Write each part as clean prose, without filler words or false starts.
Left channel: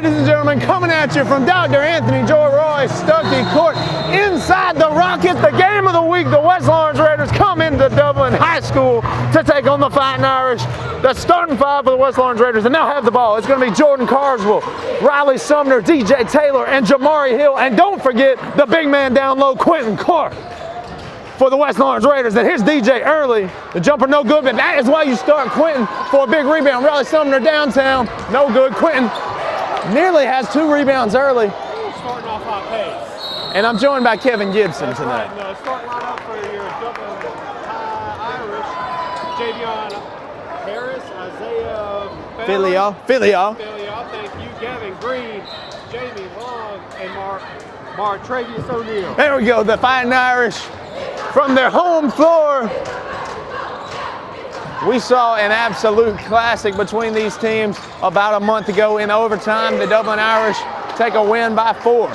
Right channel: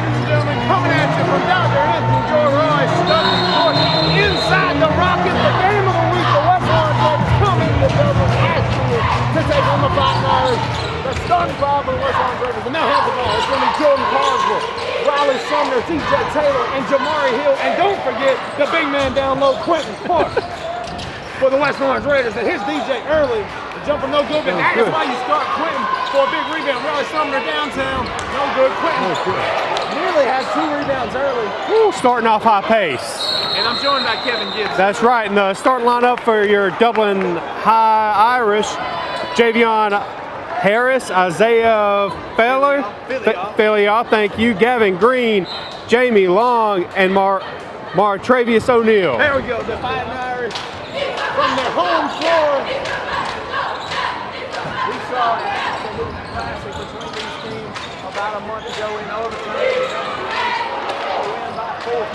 ladies and gentlemen, coming at you from Dr. Anthony Joe Roy Stuckey Court inside the Rocket, the game of the week. The West Orange Raiders come into Dublin High School to take on the Fighting Irish. The starting five for the West Orange Raiders, and they'll have the ball. It's going to be Jordan Carswell, Riley Sumner, DJ Taylor, and Jamari Hill. And don't forget the big man down low, Quentin Clark. For the West Orange Raiders, that hits DJ early. The jumper no good, but that is why you start Quentin for a big rebound. Riley Sumner downtown, no good. Quentin nearly has 2 rebounds early. Starting off high pace. And I'm joined by Kevin Gibson. That's right, and the starting lineup for your Dublin High Irish, Javion Harris, Isaiah Filial, thank you, Gavin Green, Jamie Long, and Travius O'Neal. There we go, the Fighting Irish. From their home floor, we saw an absolute classic between these teams about a month ago in overtime. The Dublin Irish take a win by 4.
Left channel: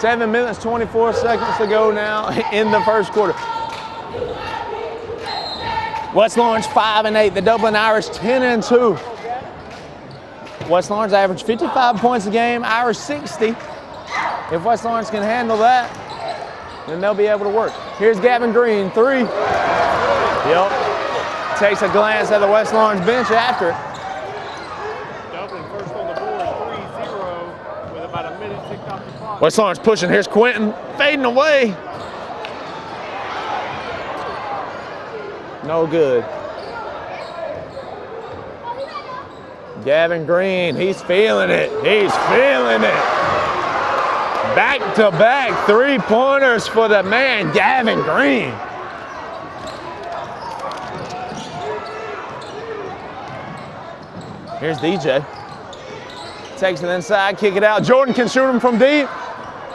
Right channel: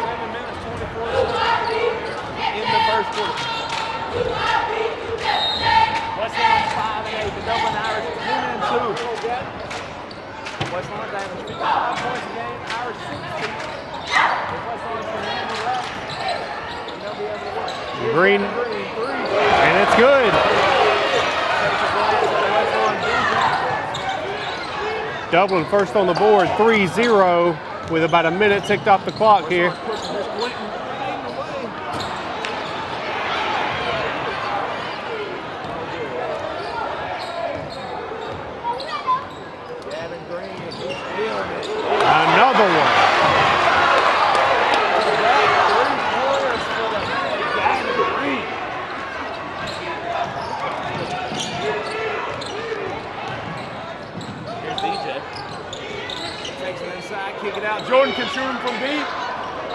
7 minutes, 24 seconds to go now in the first quarter. West Orange 5-8, the Dublin Irish 10-2. West Orange average 55 points a game, Irish 60. If West Orange can handle that, then they'll be able to work. Here's Gavin Green, 3. And it's good. Yep. Takes a glance at the West Orange bench after. Dublin first on the board, 3-0, with about a minute ticked off the clock. West Orange pushing. Here's Quentin fading away. No good. Gavin Green, he's feeling it. He's feeling it. Back-to-back 3-pointers for the man, Gavin Green. Here's DJ. Takes it inside, kick it out. Jordan can shoot him from deep.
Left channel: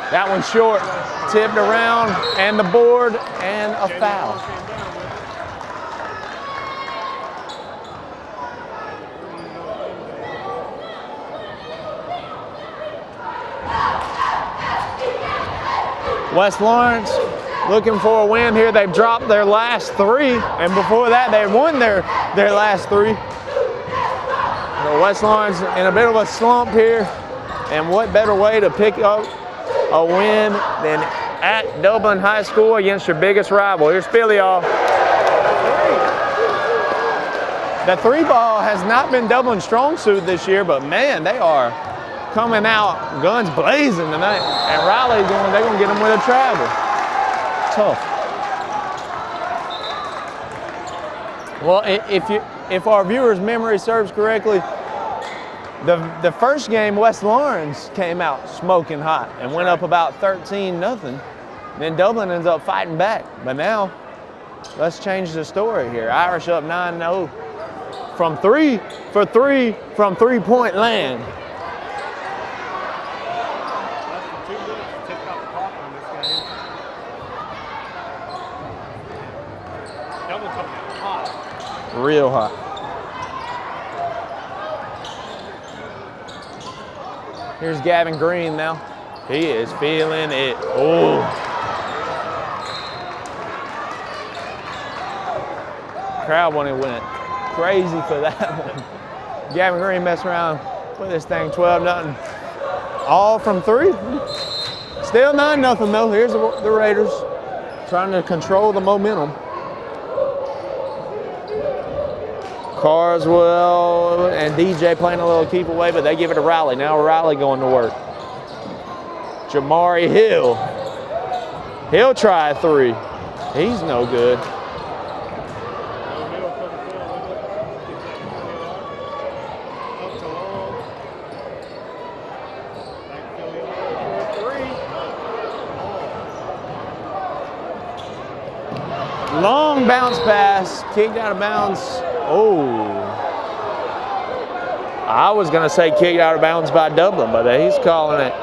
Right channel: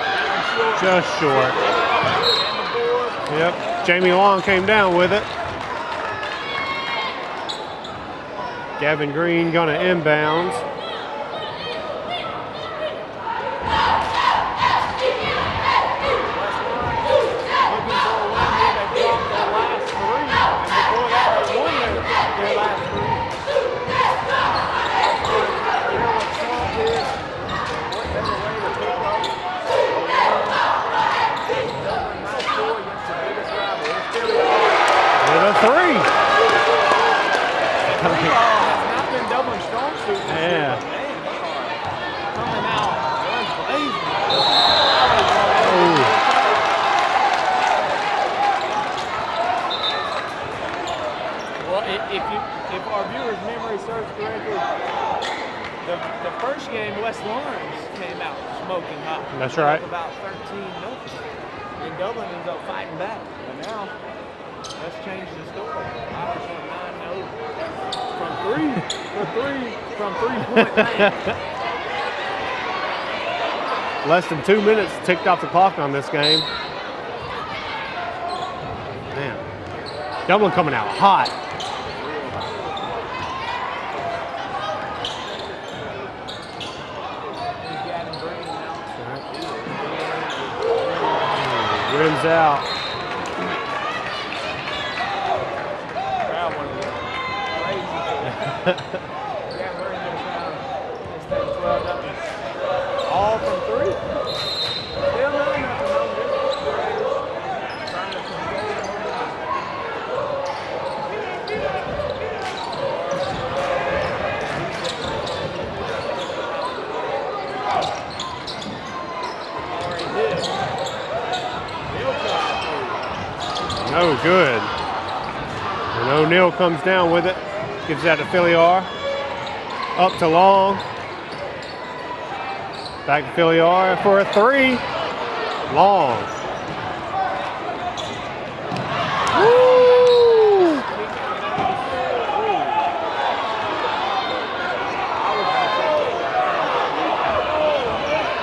That one's short. Just short. Tipped around, and the board. Yep. And Jamie foul. Long came down with it. Gavin Green gonna inbounds. West Lawrence looking for a win here. They dropped their last 3, and before that they won their last 3. So West Lawrence in a bit of a slump here, and what better way to pick up a win than at Dublin High School against your biggest rival. Here's Filial with a 3. The 3 ball has not been Dublin's strong suit this year, but man, they are coming out guns blazing tonight. And Riley's they're going to get him with a travel. Tough. Well, if our viewers' memory serves correctly, the first game, West Lawrence came out smoking hot. That's went right. up about 13-0. Then Dublin ends up fighting back. But now, let's change the story here. Irish up 9-0 from 3-point land. Less than 2 minutes ticked off the clock on this game. Man, Dublin coming out hot. Real hot. Here's Gavin Green now. He is feeling it. Oh, Rims out. crowd when it went crazy for that. Gavin Green messed around, put this thing 12-0. All from 3. Still 9-0 though. Here's the Raiders trying to control the momentum. Carswell and DJ playing a little keep away, but they give it to Riley. Now Riley going to work. Jamari Hill. He'll try a 3. He's no good. And O'Neal comes down with it. Gives that to Filiar. Up to Long. Back to Filiar for a 3. Long. Long bounce pass, kicked out of bounds. Oh. I was going to say kicked out of bounds by Dublin, but he's calling it.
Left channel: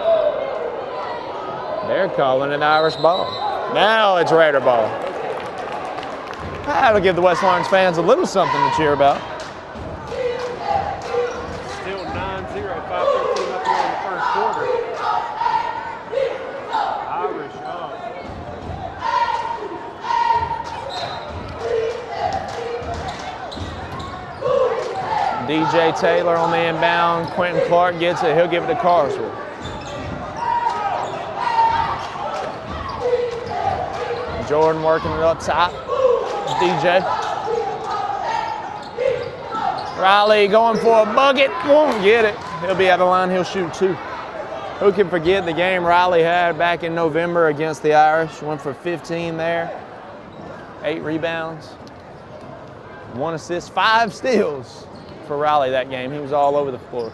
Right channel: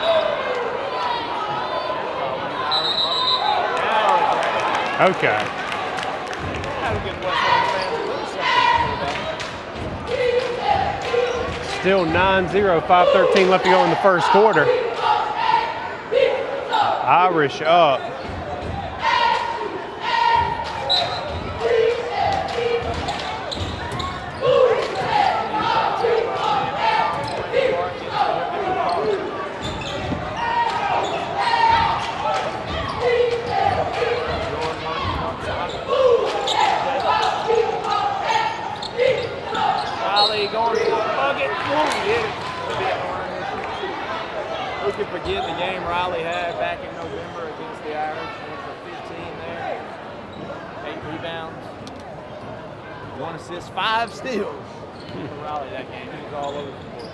They're calling it Irish ball. Now it's Raider ball. Okay. That'll give the West Orange fans a little something to cheer about. Still 9-0, 5:13 left to go in the first quarter. Irish up. DJ Taylor on the inbound. Quentin Clark gets it. He'll give it to Carlson. Jordan working it up top. DJ. Riley going for a bucket. Won't get it. He'll be at the line. He'll shoot 2. Who can forget the game Riley had back in November against the Irish? Went for 15 there. 8 rebounds. 1 assist, 5 steals for Riley that game. He was all over the floor.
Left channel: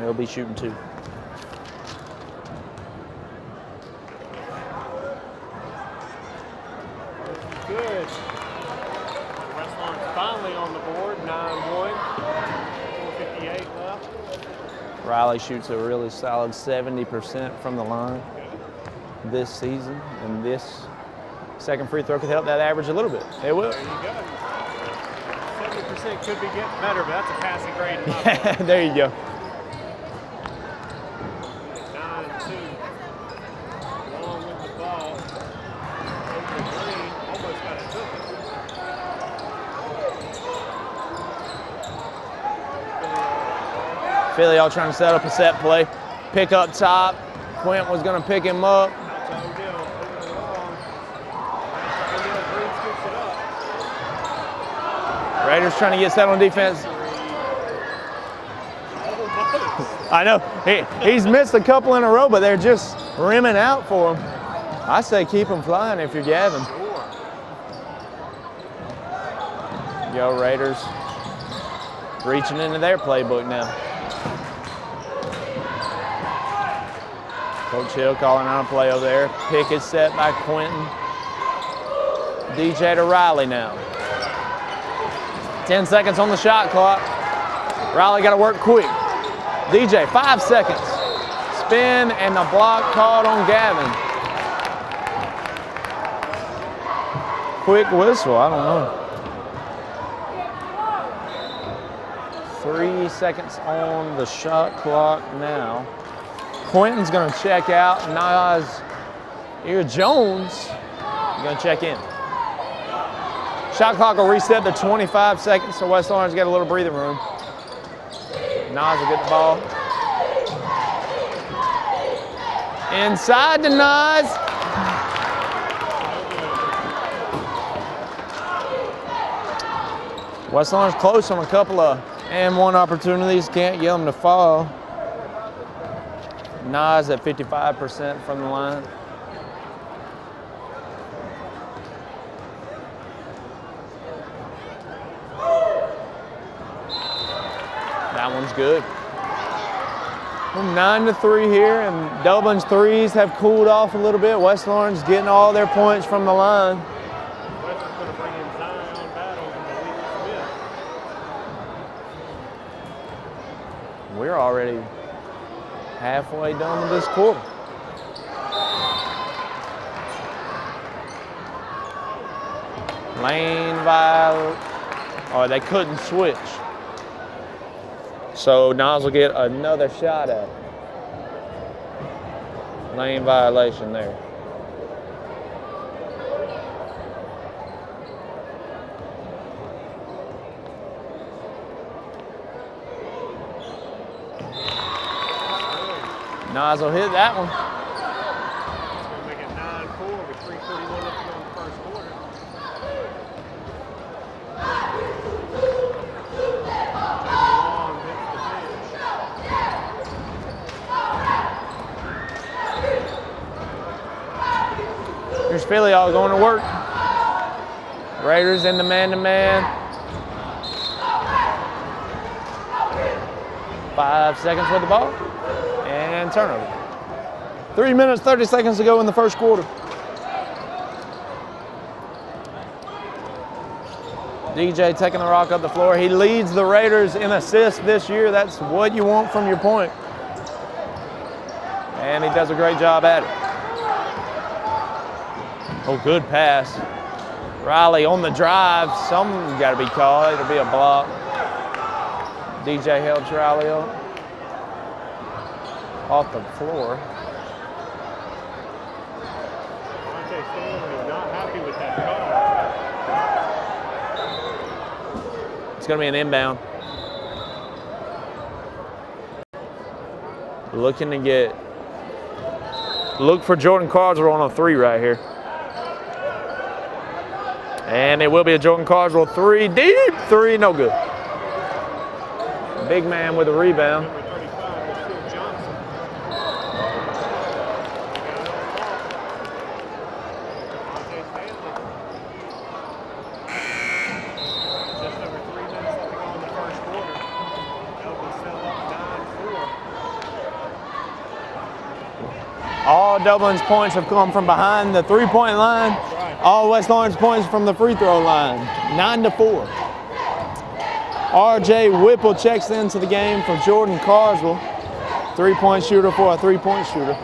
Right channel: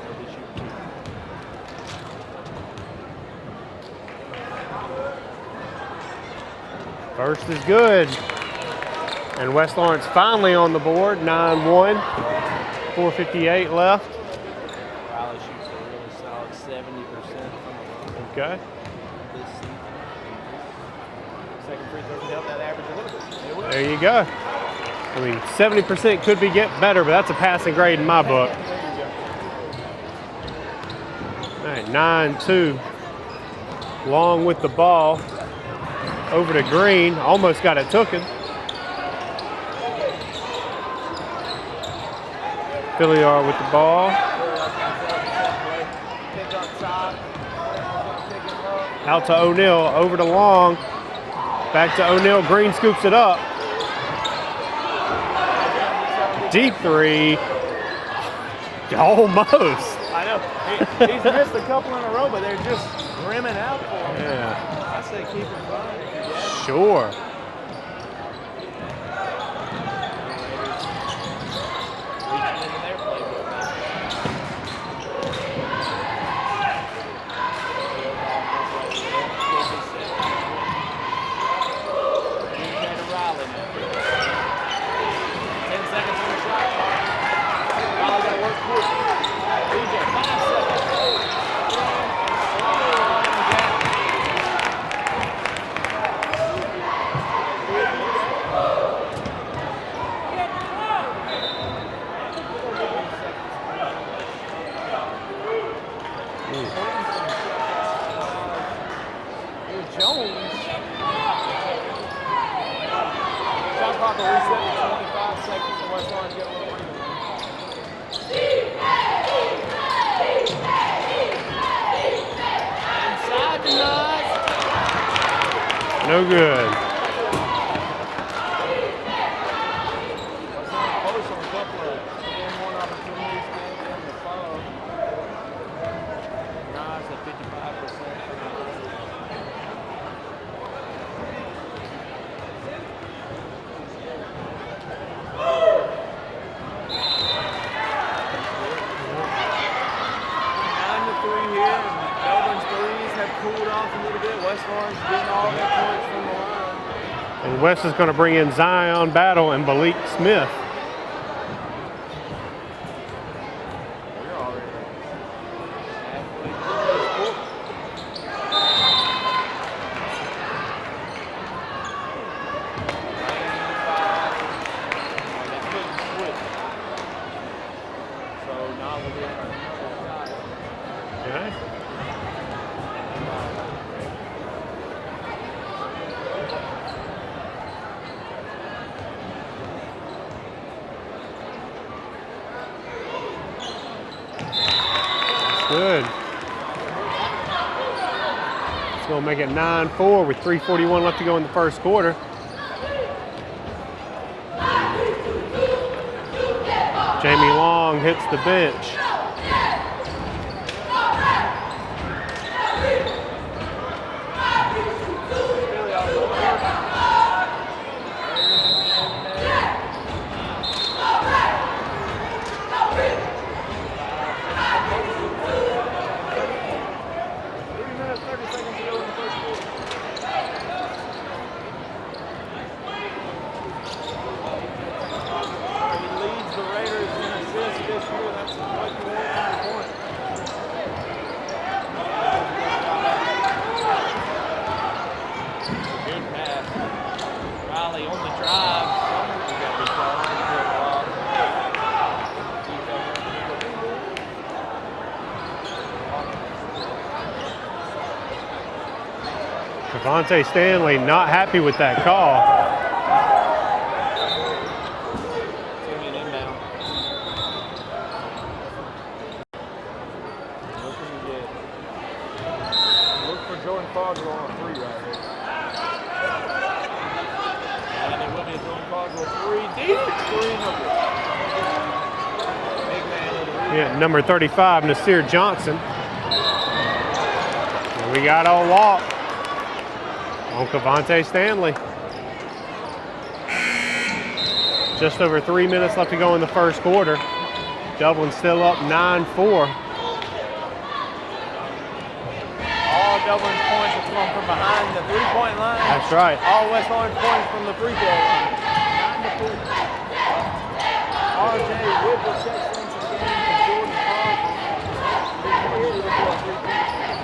They'll be shooting 2. First is good. And West Lawrence finally on the board, 9-1, 4:58 left. Riley shoots a really solid 70% from the line this season, and this second free throw could help that average a little bit. It will. There you go. I mean, 70% could be getting better, but that's a passing grade in my book. There you go. All right, 9-2. Long with the ball. Over to Green. Almost got it taken. Filliard with the ball. Filliard trying to set up a set play. Pick up top. Quint was going to pick him up. Out to O'Neal. Over to Long. Back to O'Neal. Green scoops it up. Raiders trying to get set on defense. Deep 3. Almost. I know. He's missed a couple in a row, but they're just rimming out for him. Yeah. I say keep him flying if you're Gavin. Sure. Go Raiders. Reaching into their playbook now. Coach Hill calling out a play over there. Pick is set by Quentin. DJ to Riley now. 10 seconds on the shot clock. Riley got to work quick. DJ, 5 seconds. Spin and the block called on Gavin. Quick whistle, I don't know. 3 seconds on the shot clock now. Quentin's going to check out. Nas, here Jones is going to check in. Shot clock will reset to 25 seconds, so West Lawrence got a little breathing room. Nas will get the ball. Inside to Nas. No good. West Lawrence close on a couple of and-1 opportunities. Can't get them to fall. Nas at 55% from the line. That one's good. 9-3 here, and Dublin's threes have cooled off a little bit. West Lawrence getting all their points from the line. And West is going to bring in Zion Battle and Malik Smith. We're already halfway done with this quarter. Lane by, or they couldn't switch. So Nas will get another shot at it. Lane violation there. Good. Nas will hit that one. It's going to make it 9-4 with 3:41 left to go in the first quarter. Jamie Long hits the bench. Here's Filliard going to work. Raiders in the man-to-man. 5 seconds with the ball. And turnover. 3 minutes, 30 seconds to go in the first quarter. DJ taking the rock up the floor. He leads the Raiders in assists this year. That's what you want from your point. And he does a great job at it. Oh, good pass. Riley on the drive. Something's got to be called. It'll be a block. DJ helps Riley off the floor. Devontae Stanley not happy with that call. It's going to be an inbound. Looking to look for Jordan Carswell on a 3 right here. And it will be a Jordan Carswell 3, deep 3, no good. Big man with a rebound. Number 35, Nasir Johnson. We got a walk on Cavante Stanley. Just over 3 minutes left to go in the first quarter. Dublin still up 9-4. All Dublin's points have come from behind the 3-point line. That's right. All West Orange points from the free throw line, 9-4. R.J. Whipple checks into the game for Jordan Carswell. 3-point shooter for a 3-point shooter.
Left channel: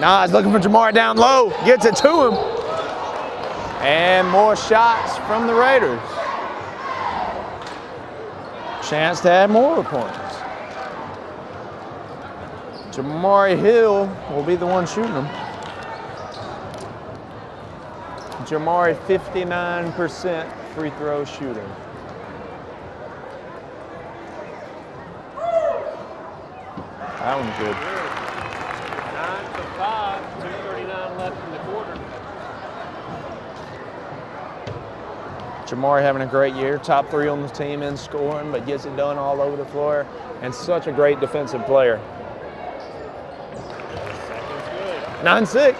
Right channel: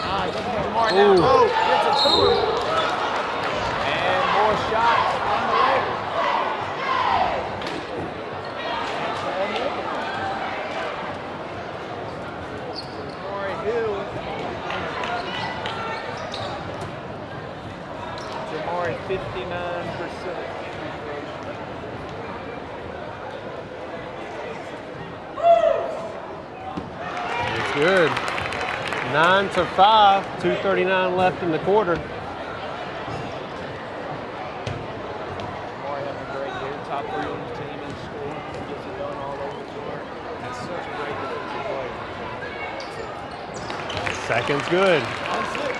Nah, he's looking for Jamar down low. Gets it to him. And more shots from the Raiders. Chance to add more points. Jamari Hill will be the one shooting them. Jamari, 59% free throw shooter. That was Good. 9-5, 2:39 left in the quarter. Jamari having a great year, top 3 on the team in scoring, but gets it done all over the floor, and such a great defensive player. Second's good. 9-6.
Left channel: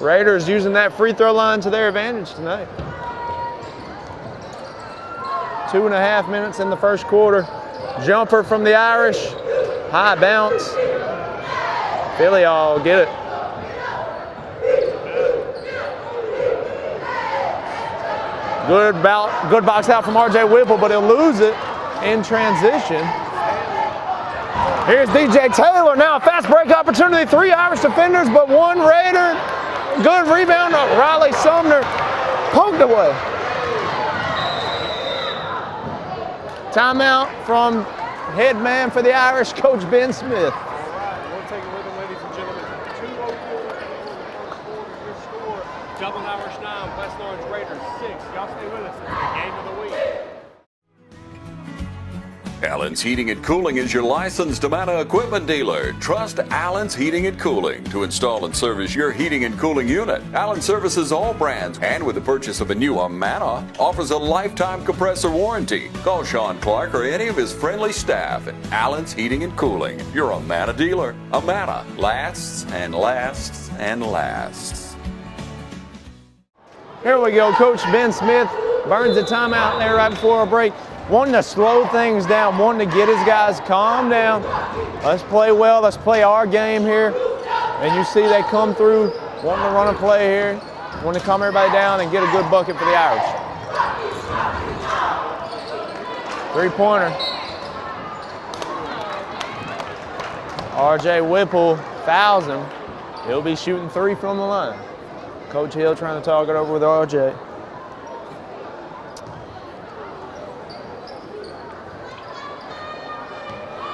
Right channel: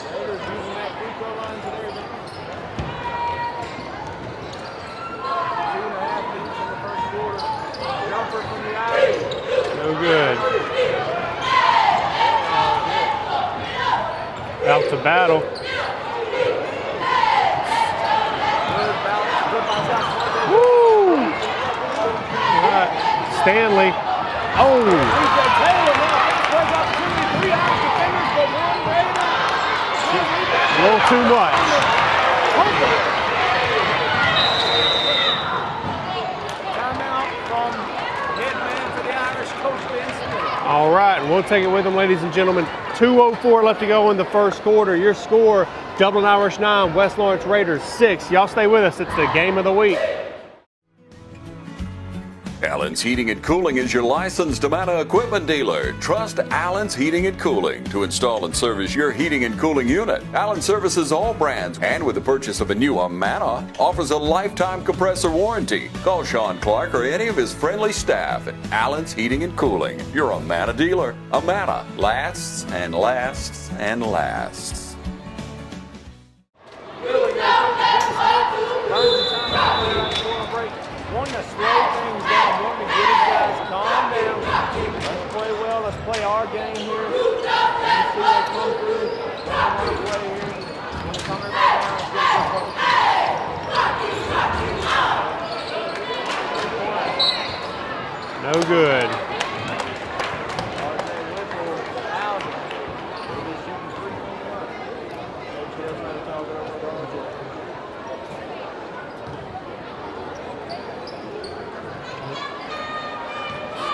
Raiders using that free throw line to their advantage tonight. 2.5 minutes in the first quarter. Jumper from the Irish. High bounce. Philly all get it. Out to battle. Good box out from R.J. Whipple, but he'll lose it in transition. Stanley. Oh, here's DJ Taylor now. Fast break opportunity. 3 Irish defenders, but 1 Raider. Good rebound. Riley Sumner pumped away. Timeout from head man for the Irish, Coach Ben Smith. All right, we'll take it with them, ladies and gentlemen. 2:04 left to go in the first quarter. Your score, Dublin Irish 9, West Lawrence Raiders 6. Y'all stay with us. It's the game of the week. Allen's Heating and Cooling is your licensed Amana equipment dealer. Trust Allen's Heating and Cooling to install and service your heating and cooling unit. Allen services all brands, and with the purchase of a new Amana, offers a lifetime compressor warranty. Call Sean Clark or any of his friendly staff at Allen's Heating and Cooling, your Amana dealer. Amana lasts and lasts and lasts. Here we go, Coach Ben Smith burns the timeout there right before a break. Wanting to slow things down, wanting to get his guys calm down. Let's play well, let's play our game here. And you see they come through, wanting to run a play here, want to calm everybody down and get a good bucket for the Irish. 3-pointer. No good. R.J. Whipple fouls him. He'll be shooting 3 from the line. Coach Hill trying to talk it over with R.J.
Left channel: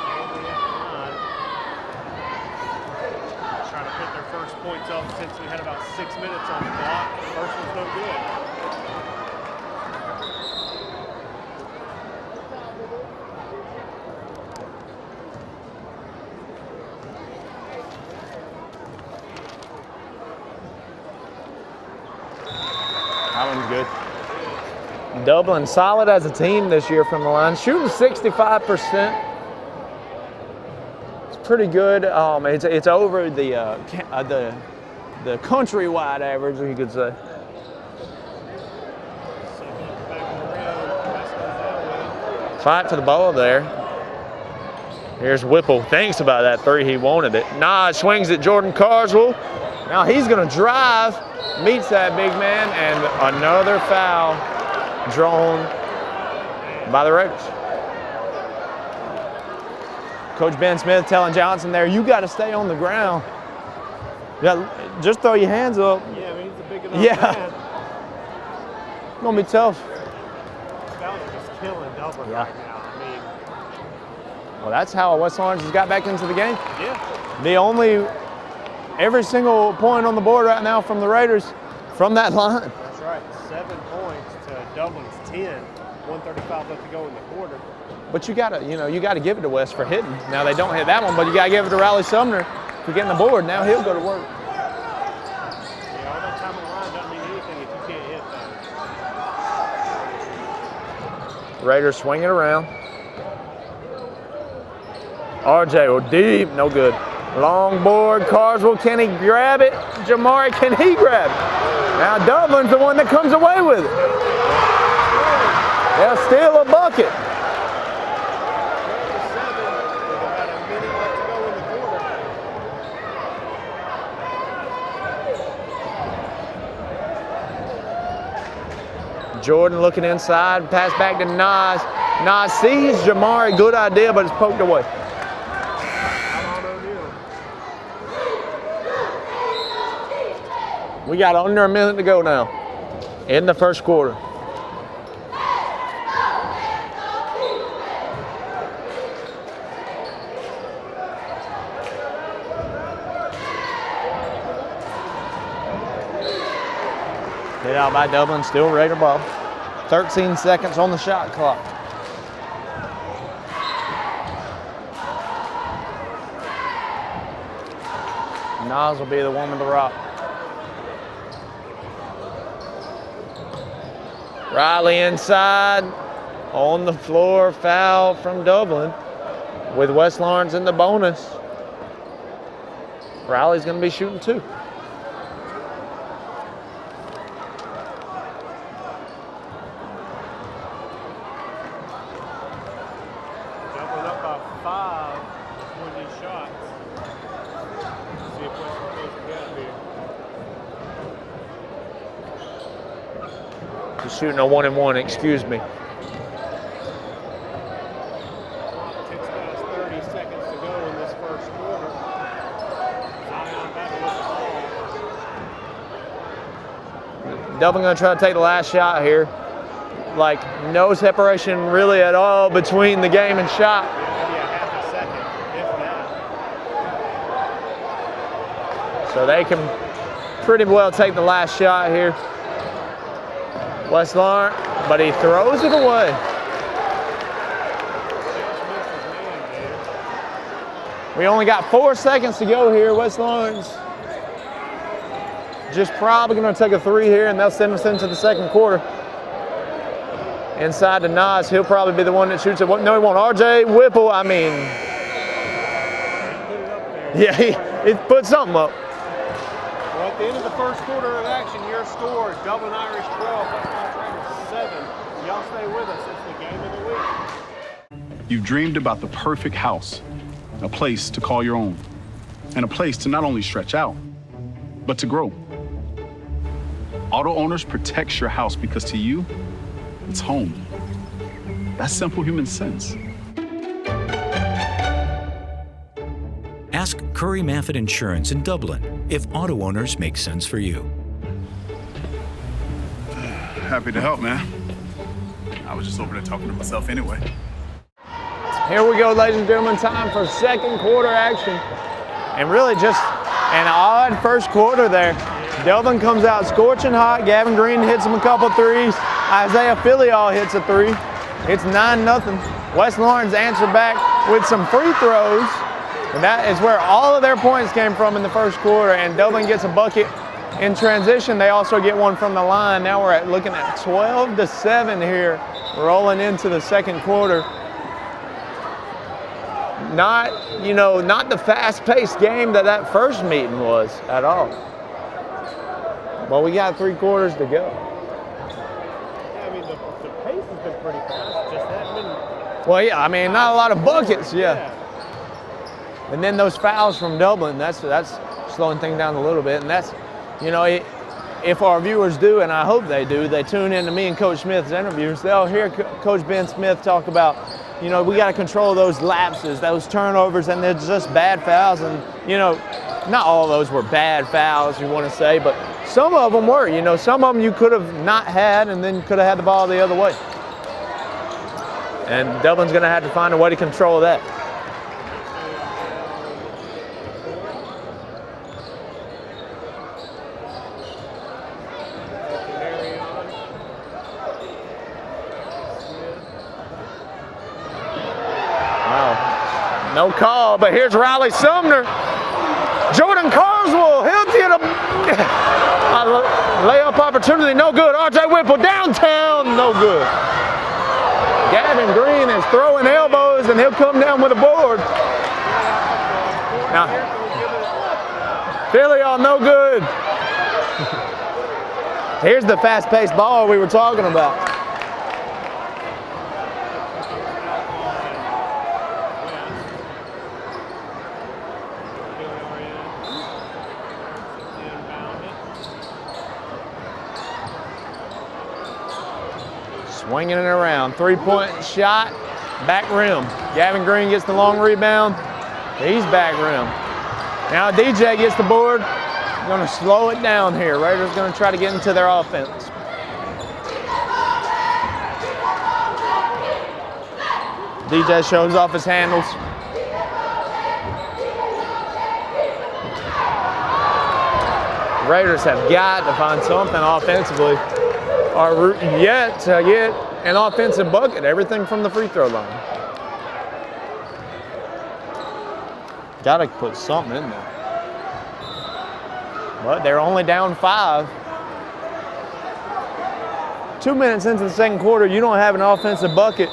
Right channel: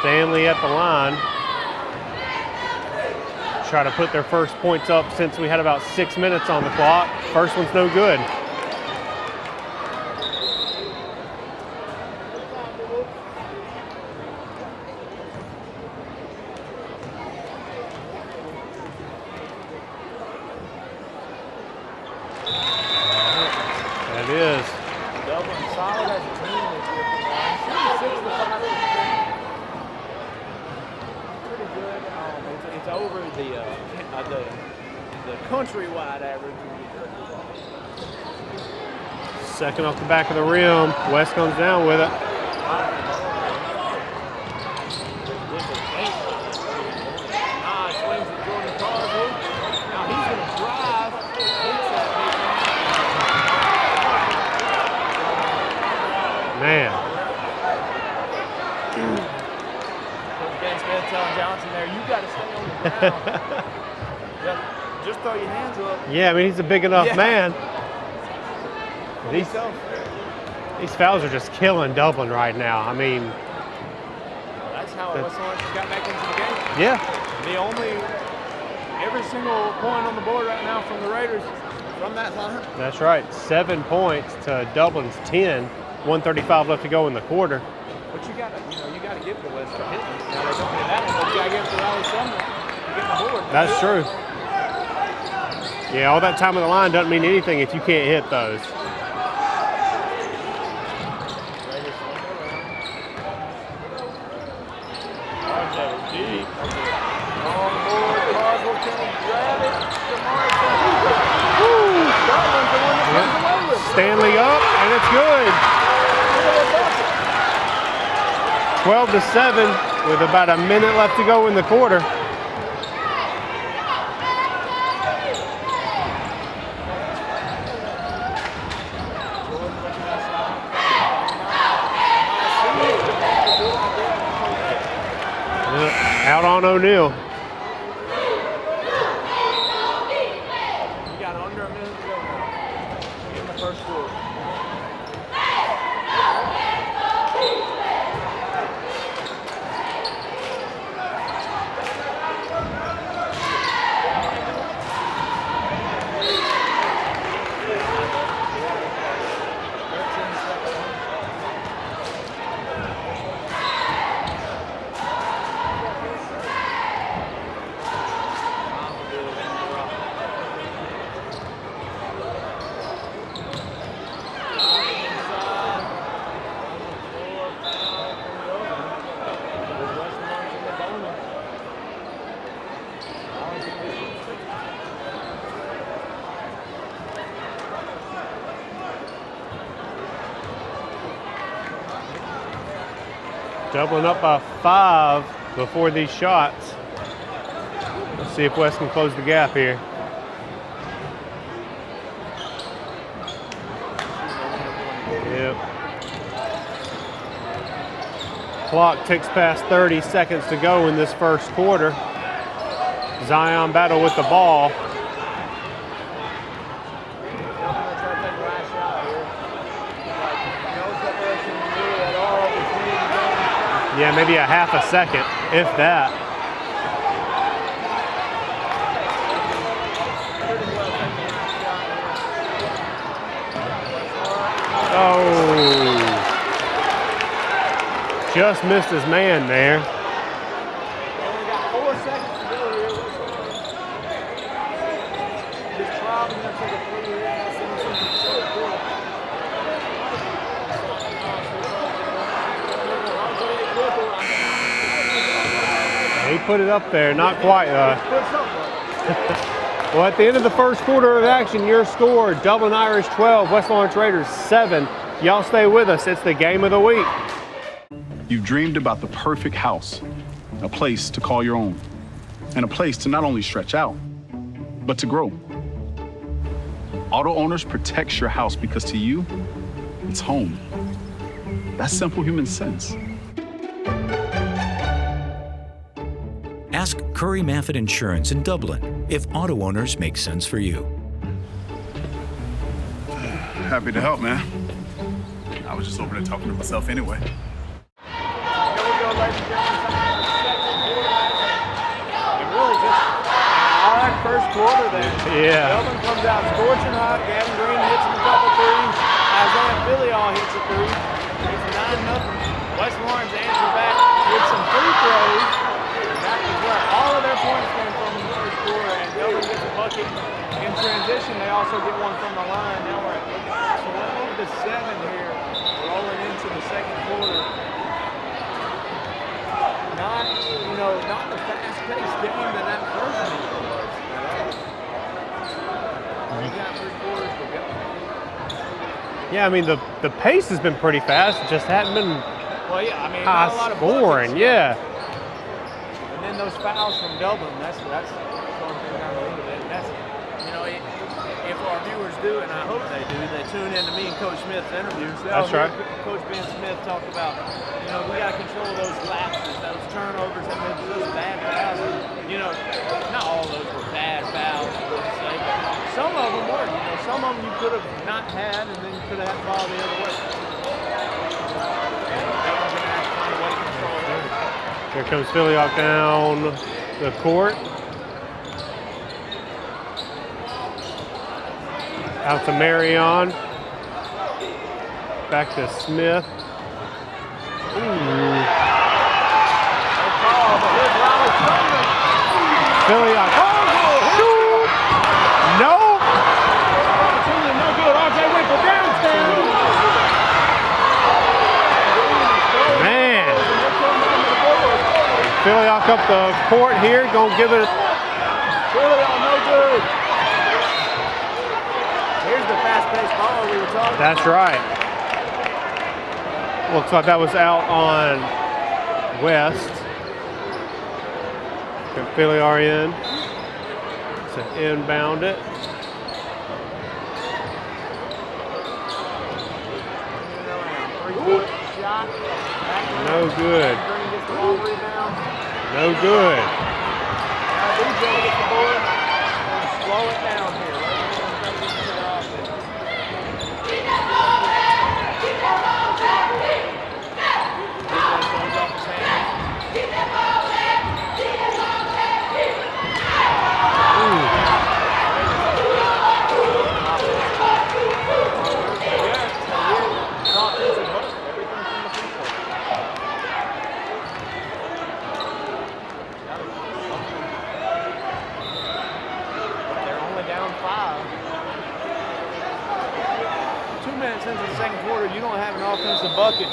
Stanley at the line. Try to put their first points up since we had about 6 minutes on the clock. First one's no good. That one's good. That is. Dublin solid as a team this year from the line, shooting 65%. Pretty good. It's over the countrywide average, you could say. Second off the back of the rim. West comes down with it. Fight to the ball there. Here's Whipple. Thinks about that 3. He wanted it. Nah, swings at Jordan Carswell. Now he's going to drive. Meets that big man, and another foul drawn by the Raiders. Coach Ben Smith telling Johnson there, you got to stay on the ground. Yeah, just throw your hands up. Yeah, I mean, he's a big enough man. It's going to be tough. These fouls are just killing Dublin right now. I mean, well, that's how West Orange has got back into the game. Yeah. Every single point on the board right now from the Raiders from that line. That's right, 7 points to Dublin's 10. 1:35 left to go in the quarter. But you gotta give it to West for hitting. Now they don't hit that one, but you gotta give it to Riley Sumner for getting the board. Now that's true. Yeah, all that time on the line doesn't mean anything if you can't hit those. Raiders swing it around. RJ will deep, no good. Long board, Carswell, can he grab it? Jamari, can he grab it? Woo. Now Dublin's the one that comes away with it. Stanley up, and it's good. Yeah, steal a bucket. 12-7 with about a minute left to go in the quarter. Jordan looking inside, pass back to Nas. Nas sees Jamari, good idea, but it's poked away. Out on O'Neal. We got under a minute to go now in the first quarter. Get out by Dublin, still Raider ball. 13 seconds on the shot clock. Nas will be the one with the rock. Riley inside, on the floor, foul from Dublin with West Lawrence in the bonus. Riley's gonna be shooting 2. Dublin up by 5 before these shots. See if West can close the gap here. Shooting a 1-and-1, excuse me. Clock ticks past 30 seconds to go in this first quarter. Zion battle with the ball. Dublin gonna try to take the last shot here. Like no separation really at all between the game and shot. Yeah, maybe a half a second, if that. So they can pretty well take the last shot here. West Lawrence, but he throws it away. Just missed his man there. We only got 4 seconds to go here. West Lawrence just probably going to take a 3 here, and they'll send us into the second quarter. Inside to Nas, he'll probably be the one that shoots it. No, he won't. RJ Whipple, I mean. He put it up there, not quite. He put something up. Well, at the end of the first quarter of action, your score, Dublin Irish 12, West Lawrence Raiders 7. Y'all stay with us. It's the game of the week. You've dreamed about the perfect house, a place to call your own, and a place to not only stretch out, but to grow. Auto Owners protects your house because to you, it's home. That's simple human sense. Ask Curry Maffett Insurance in Dublin if auto owners make sense for you. Happy to help, man. I was just over there talking to myself anyway. Here we go, ladies and gentlemen, time for second quarter action. And really just an odd first quarter there. Yeah. Dublin comes out scorching hot. Gavin Green hits him a couple threes. Isaiah Filial hits a 3. It's 9-0. West Lawrence answered back with some free throws. And that is where all of their points came from in the first quarter. And Dublin gets a bucket in transition. They also get one from the line. Now we're looking at 12-7 here, rolling into the second quarter. Not the fast-paced game that first meeting was at all. Well, we got 3 quarters to go. Yeah, I mean, the pace has been pretty fast. It just hadn't been. Well, yeah, I mean, not a lot of buckets. Yeah. And then those fouls from Dublin, that's slowing things down a little bit. And that's, if our viewers do, and I hope they do, they tune in to me and Coach Smith's interviews, they'll hear Coach Ben Smith talk about, we got to control those lapses, those turnovers, and they're just bad fouls. And, not all of those were bad fouls, you want to say, but some of them were. Some of them you could have not had, and then you could have had the ball the other way. And Dublin's going to have to find a way to control that. Here comes Philly off down the court. Out to Marion. Back to Smith. No call, but here's Riley Sumner. Jordan Carswell, he'll get him. No. Layup opportunity, no good. R.J. Whipple downtown, no good. Gavin Green is throwing elbows, and he'll come down with a board. Philly up the court here, gonna give it. Philly on no good. Here's the fast-paced ball we were talking about. That's right. Looks like that was out on West. Philly are in. To inbound it. Swinging it around. Three-point shot. Back rim. No good. Gavin Green gets the long rebound. No He's good. back rim. Now DJ gets the board. Going to slow it down here. Raiders going to try to get into their offense. DJ shows off his handles. Raiders have got to find something offensively. Are rooting yet to get an offensive bucket. Everything from the free throw line. Got to put something in there. But they're only down 5. 2 minutes into the second quarter, you don't have an offensive bucket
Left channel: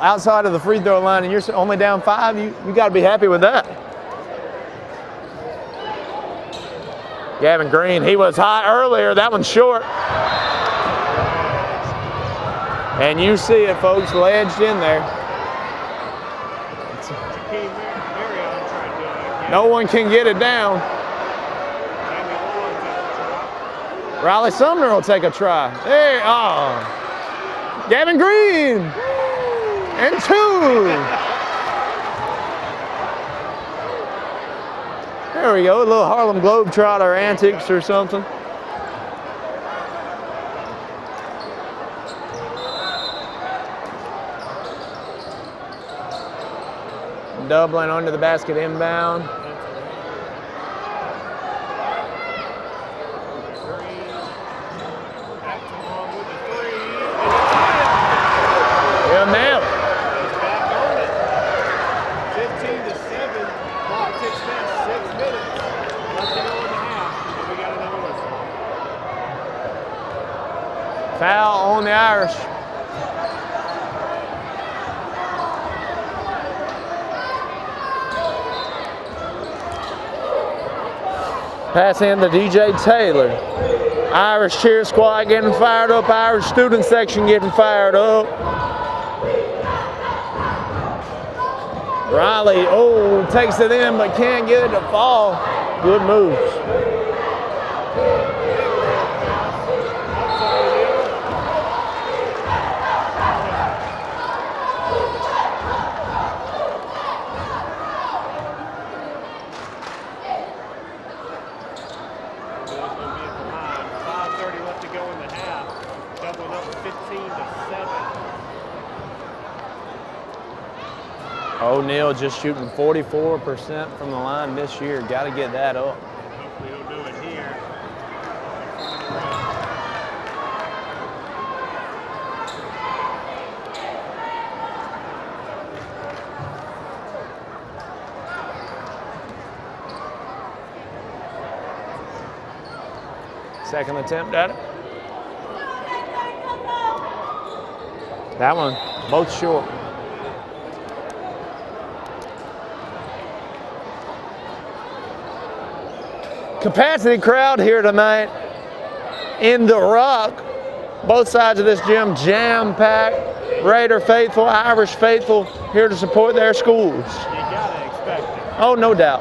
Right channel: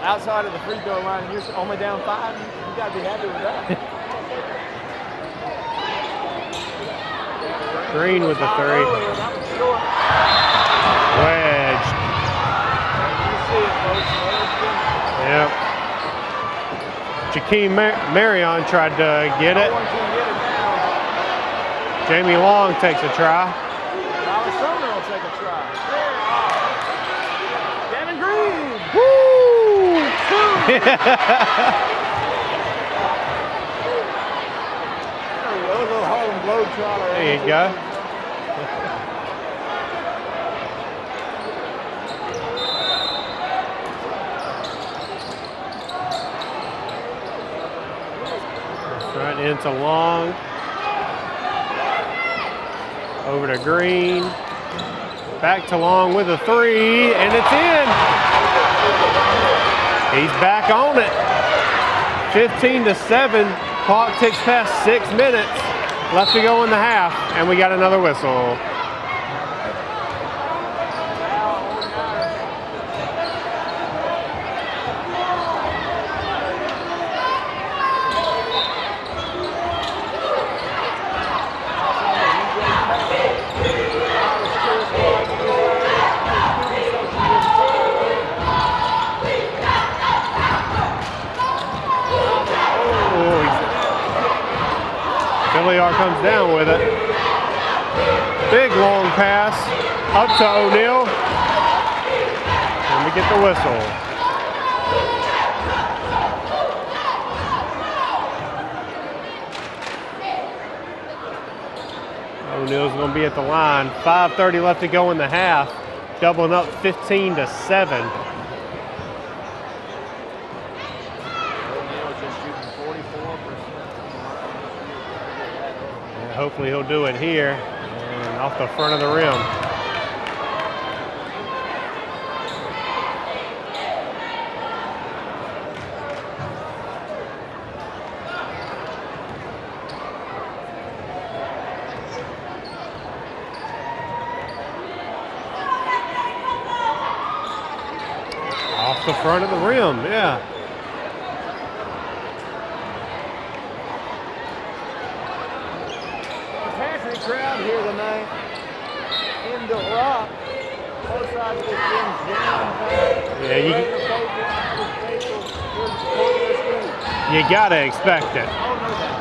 outside of the free throw line, and you're only down 5. You got to be happy with that. Gavin Green, he was hot earlier. That one's short. Wedged. And you see it, folks, wedged in there. Yep. Jakeem Marion tried to get it. No one can get it down. Jamie Long takes a try. Riley Sumner will take a try. Hey, Gavin Green. Woo! And 2. There we go, a little Harlem Globetrotter antics or something. Dublin under the basket inbound. Right into Long. Over to Green. Back to Long with a 3, and it's in. He's back on it. 15-7. Clock ticks past 6 minutes. Left to go in the half, and we got another whistle. Foul on the Irish. Pass in to DJ Taylor. Irish cheer squad getting fired up. Irish student section getting fired up. Riley, takes it in but can't get it to fall. Philly comes down with it. Big long pass up to O'Neal. And we get the whistle. O'Neal's going to be at the line. 5:30 left to go in the half. Doubling up 15-7. O'Neal just shooting 44% from the line this year. Got to get that up. Yeah, hopefully he'll do it here. And off the front of the rim. Second attempt at it. That one Off the front of the rim, yeah. Capacity crowd here tonight in the Rock. Both sides of this gym jam-packed. Yeah, Raider faithful, Irish faithful here to support their schools. You gotta expect it. Oh, no doubt.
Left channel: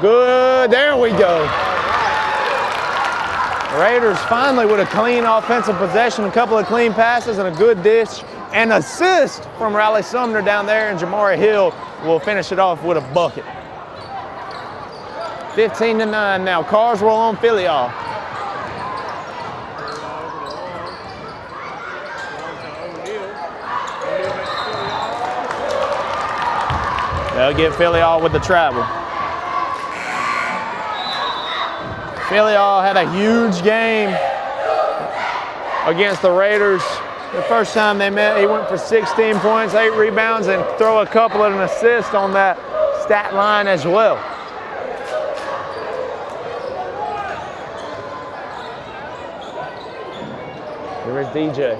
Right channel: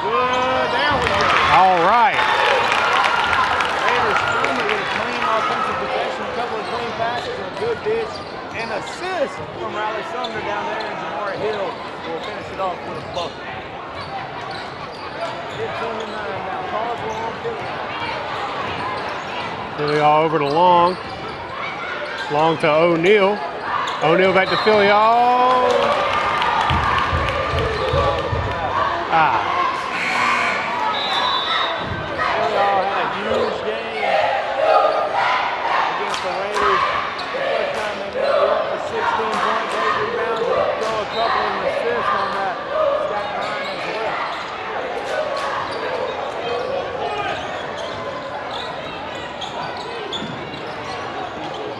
Good, there we go. All right. Raiders finally with a clean offensive possession, a couple of clean passes and a good dish. An assist from Riley Sumner down there, and Jamari Hill will finish it off with a bucket. 15-9 now. Carswell on Philly off. Philly all over to Long. Long to O'Neal. O'Neal back to Philly all. They'll get Filial with the travel. Filial had a huge game against the Raiders. The first time they met, he went for 16 points, 8 rebounds, and throw a couple of an assist on that stat line as well. Here's DJ.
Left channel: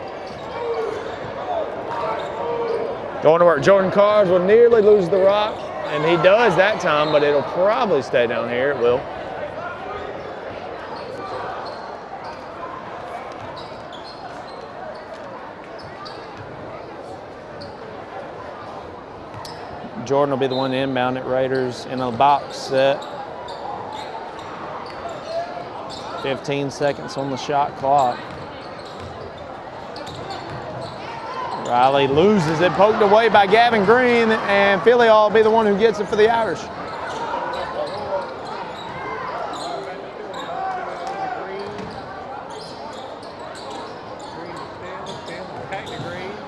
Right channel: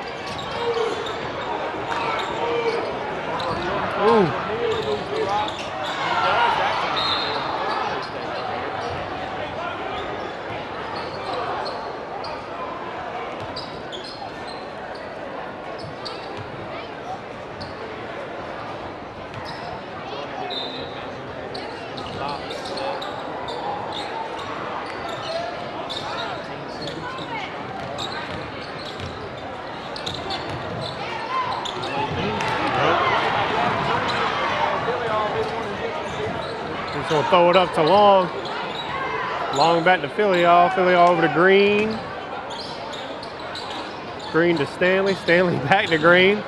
Going to work. Jordan Carnes will nearly lose the rock, and he does that time, but it'll probably stay down here. It will. Jordan will be the one to inbound it. Raiders in a box set. 15 seconds on the shot clock. Riley loses it, poked away by Gavin Green, and Filial will be the one who gets it for the Irish. He's going to throw it up to Long. Long back to Filial. Filial over to Green. Green to Stanley. Stanley back to Green.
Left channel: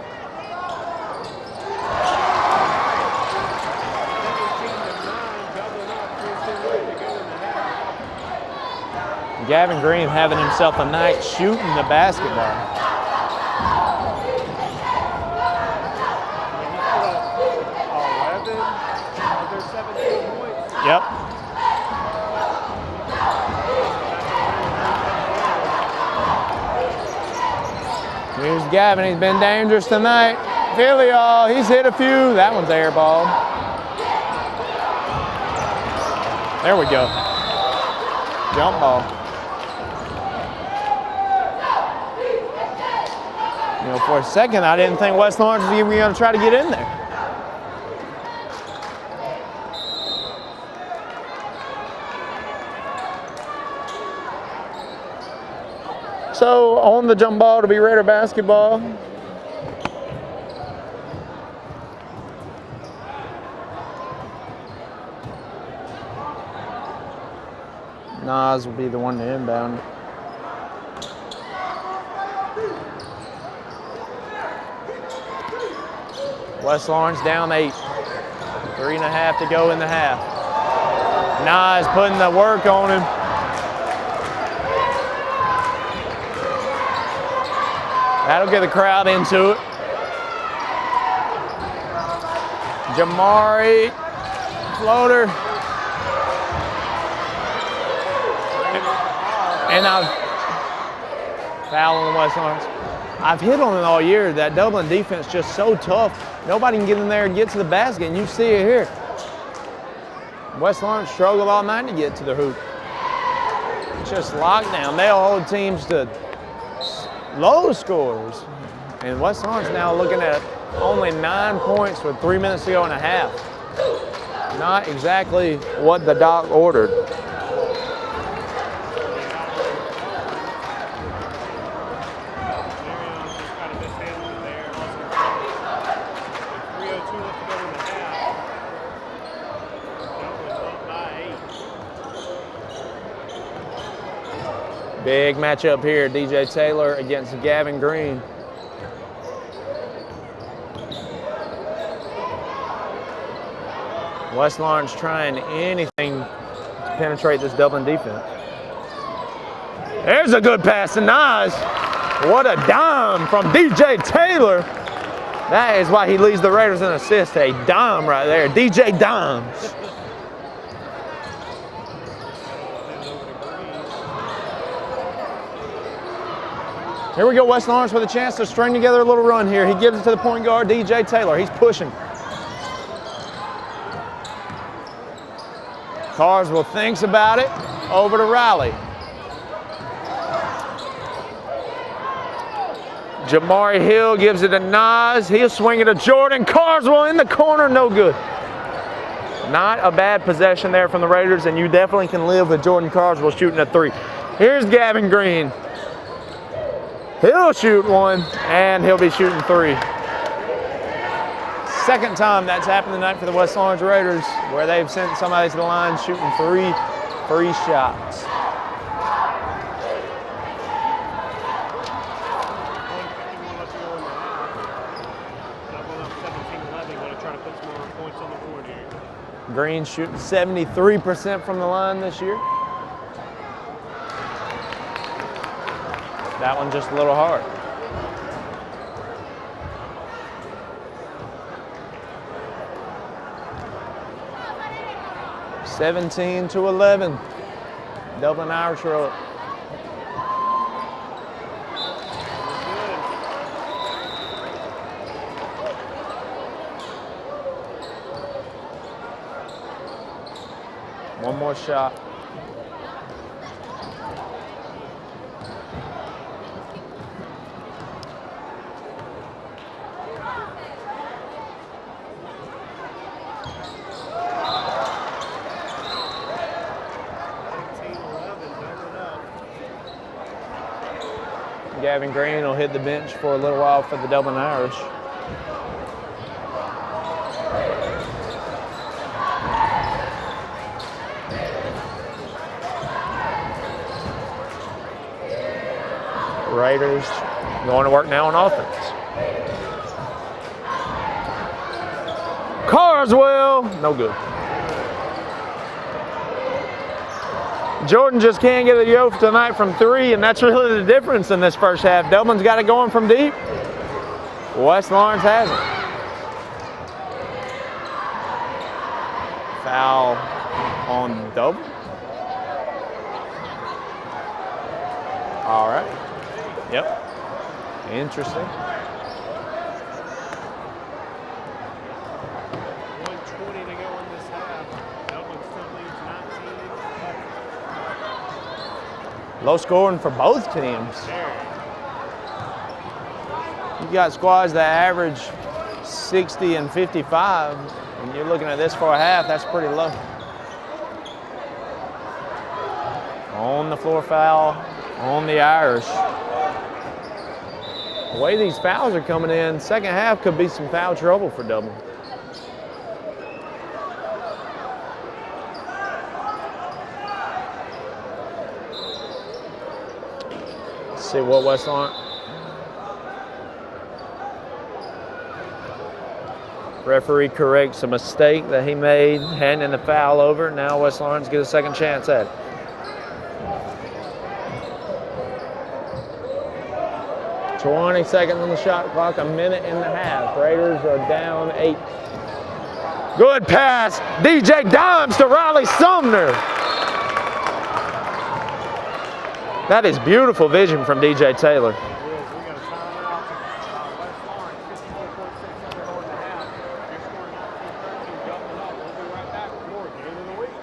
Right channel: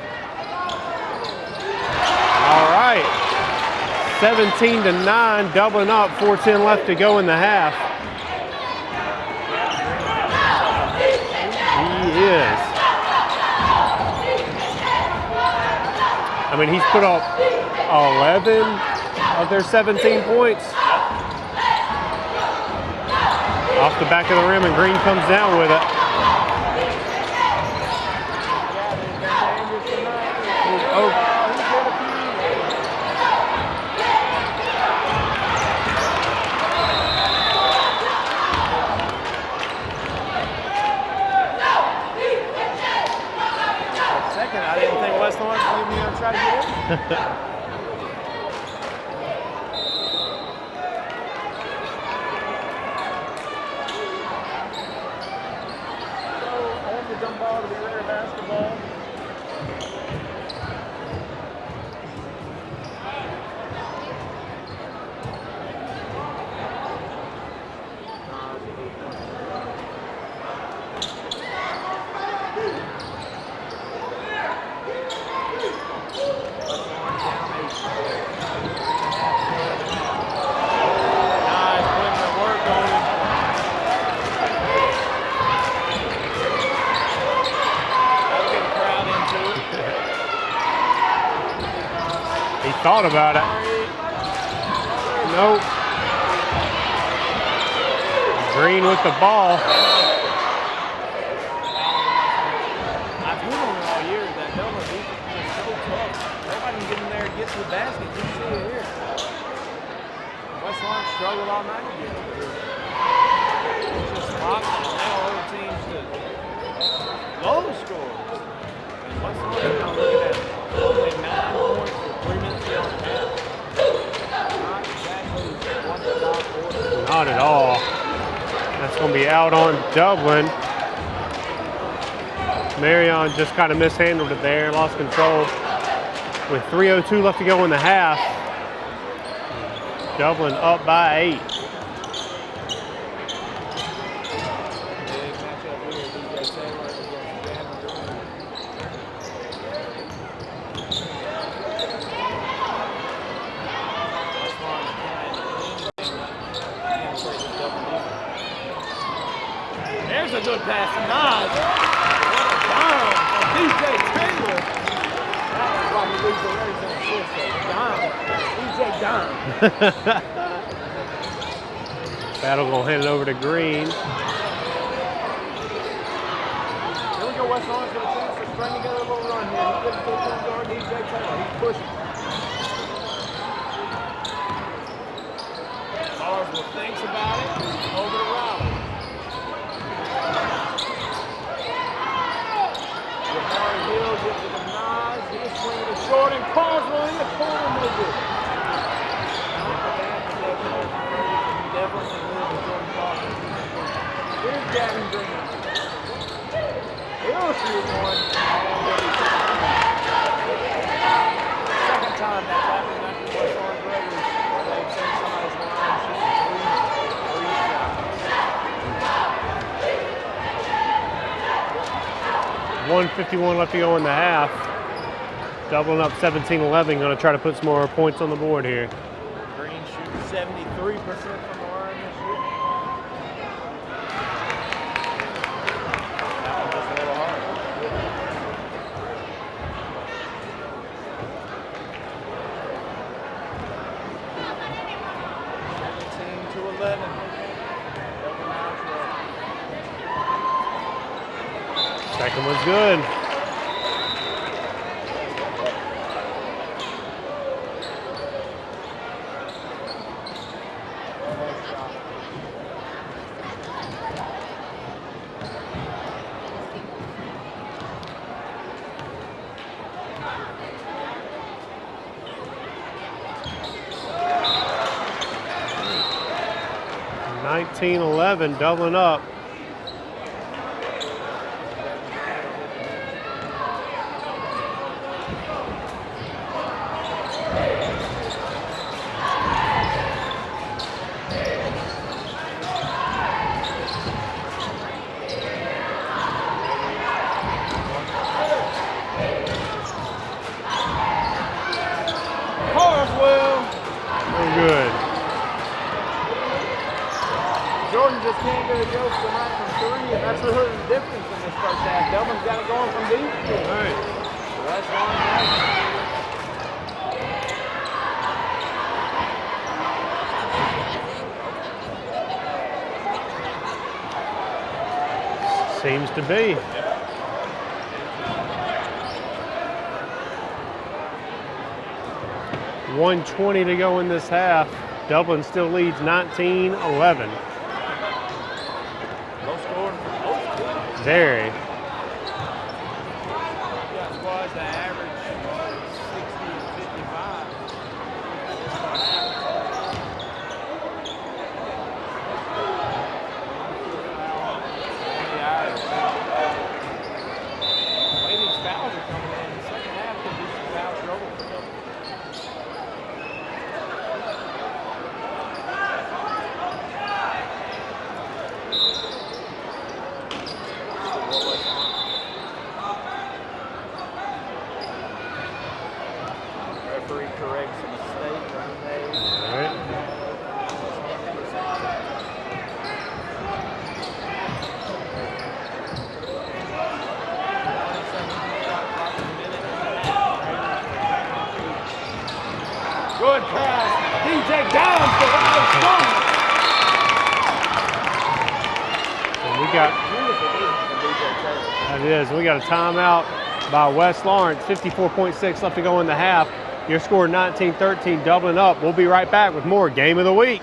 All right. 17-9, Dublin up. 4:10 left to go in the half. Gavin Green having himself a night shooting the basket. Yes. I mean, he's put up 11 of their 17 points. Yep. Off the back of the rim, and Green comes down with it. Here's Gavin. He's been dangerous tonight. Filial, he's hit a few. That one's air ball. There we go. Jump ball. For a second, I didn't think West Lawrence was even going to try to get in there. So on the jump ball to be Raider basketball. Nas will be the one to inbound. West Lawrence down 8. 3.5 to go in the half. Nas putting the work on him. That'll get the crowd into it. He thought about it. Floater. Nope. Green with the ball. And foul on the West Lawrence. I've hit on it all year. That Dublin defense just so tough. Nobody can get in there and get to the basket, and you see it here. West Lawrence struggled all night to get to the hoop. Just lockdown. They'll hold teams to low scores. And West Lawrence now looking at only 9 points with 3 minutes to go in a half. Not exactly what the doc ordered. Not at all. That's going to be out on Dublin. Marion just kind of mishandled it there, lost control. With 3:02 left to go in the half. Dublin up by 8. Big matchup here, DJ Taylor against Gavin Green. West Lawrence trying anything to penetrate this Dublin defense. There's a good pass to Nas. What a dime from DJ Taylor. That is why he leads the Raiders in assists. A dime right there, DJ Dime. Battle will hand it over to Green. Here we go, West Lawrence with a chance to string together a little run here. He gives it to the point guard, DJ Taylor. He's pushing. Carswell thinks about it. Over to Riley. Jamari Hill gives it to Nas. He'll swing it to Jordan. Carswell in the corner, no good. Not a bad possession there from the Raiders, and you definitely can live with Jordan Carswell shooting a 3. Here's Gavin Green. He'll shoot one, and he'll be shooting 3. Second time that's happened tonight for the West Lawrence Raiders, where they've sent somebody to the line shooting 3 free shots. 1:51 left to go in the half. Dublin up 17-11, going to try to put some more points on the board here. Green shooting 73% from the line this year. That one just a little hard. (17-11). Dublin Irish roll. Second one's good. One more shot. (19-11), Dublin up. Gavin Green will hit the bench for a little while for the Dublin Irish. Raiders going to work now on offense. Carswell, no good. No good. Jordan just can't get a yoke tonight from 3, and that's really the difference in this first half. Dublin's got it going from deep. West Lawrence has it. Foul on Dublin. All right. Seems to be. Yep. Interesting. 1:20 to go in this half. Dublin still leads 19-11. Low scoring for both teams. Very. You got squads that average 60 and 55. And you're looking at this for a half, that's pretty low. On the floor foul on the Irish. The way these fouls are coming in, second half could be some foul trouble for Dublin. Let's see what West Lawrence. Referee corrects a mistake that he made, handing the foul over. Now West Lawrence gets a second chance at it. (20 seconds on the shot clock, a minute and a half. Raiders are down 8. Good pass. DJ Downs to Riley Sumner. That is beautiful vision from DJ Taylor. It is. We got a timeout by West Lawrence. 54.6 left to go in the half. Your score 19-13, Dublin up. We'll be right back with more Game of the Week.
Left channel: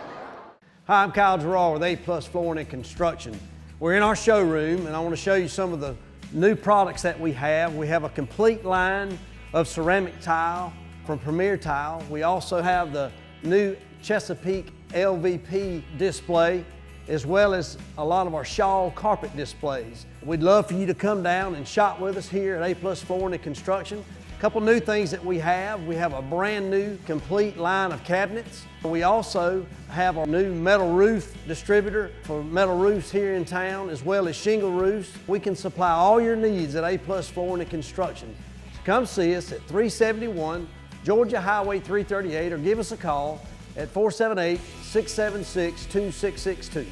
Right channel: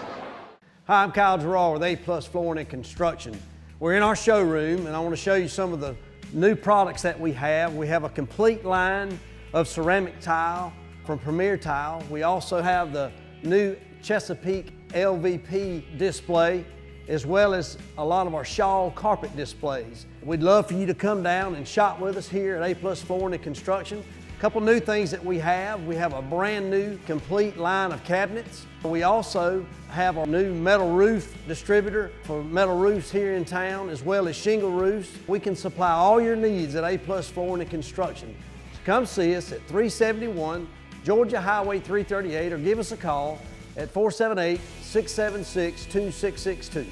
Hi, I'm Kyle Gerard with A+ Flooring and Construction. We're in our showroom, and I want to show you some of the new products that we have. We have a complete line of ceramic tile from Premier Tile. We also have the new Chesapeake LVP display, as well as a lot of our shawl carpet displays. We'd love for you to come down and shop with us here at A+ Flooring and Construction. A couple new things that we have a brand new complete line of cabinets. We also have our new metal roof distributor for metal roofs here in town, as well as shingle roofs. We can supply all your needs at A+ Flooring and Construction. So come see us at 371 Georgia Highway 338 or give us a call at 478-676-2662.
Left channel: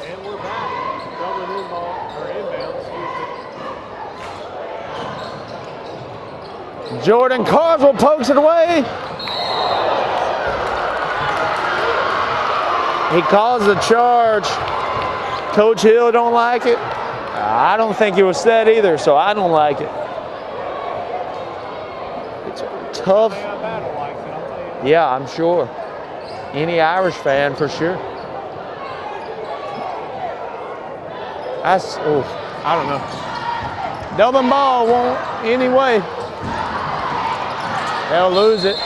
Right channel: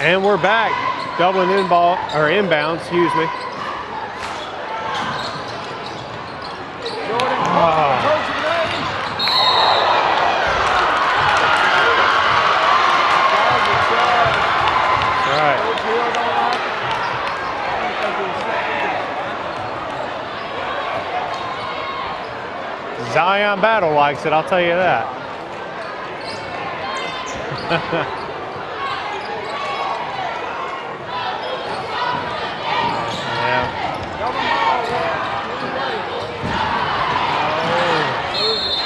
And we're back. Dublin inbound, excuse me. Jordan Carswell pokes it away. He calls a charge. Right. Coach Hill don't like it. I don't think it was set either, so I don't like it. Zion Battle likes it, I'll tell you that. Yeah, I'm sure. Any Irish fan for sure. That's, oof, I don't know. Yeah. Dublin ball won't anyway. They'll lose it.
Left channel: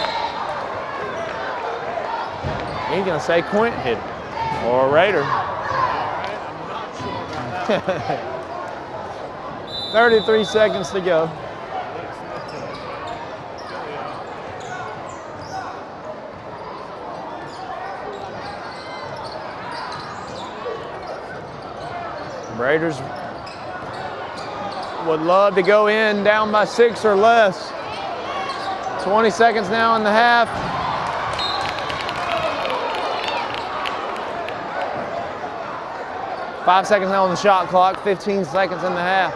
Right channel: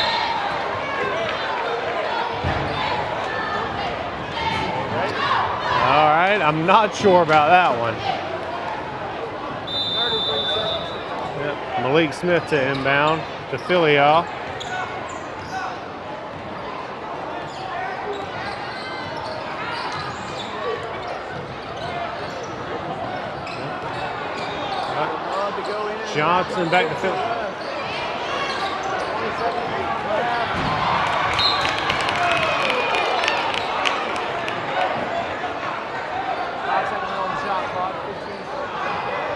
He's gonna say Quint hit it, or a Raider. All right, I'm not sure about that one. 33 seconds to go. Yep. Malik Smith to inbound to Philly-All. Raiders would love to go in down by 6 or less. 20 seconds now in the half. Five seconds now on the shot clock, 15 seconds in the half.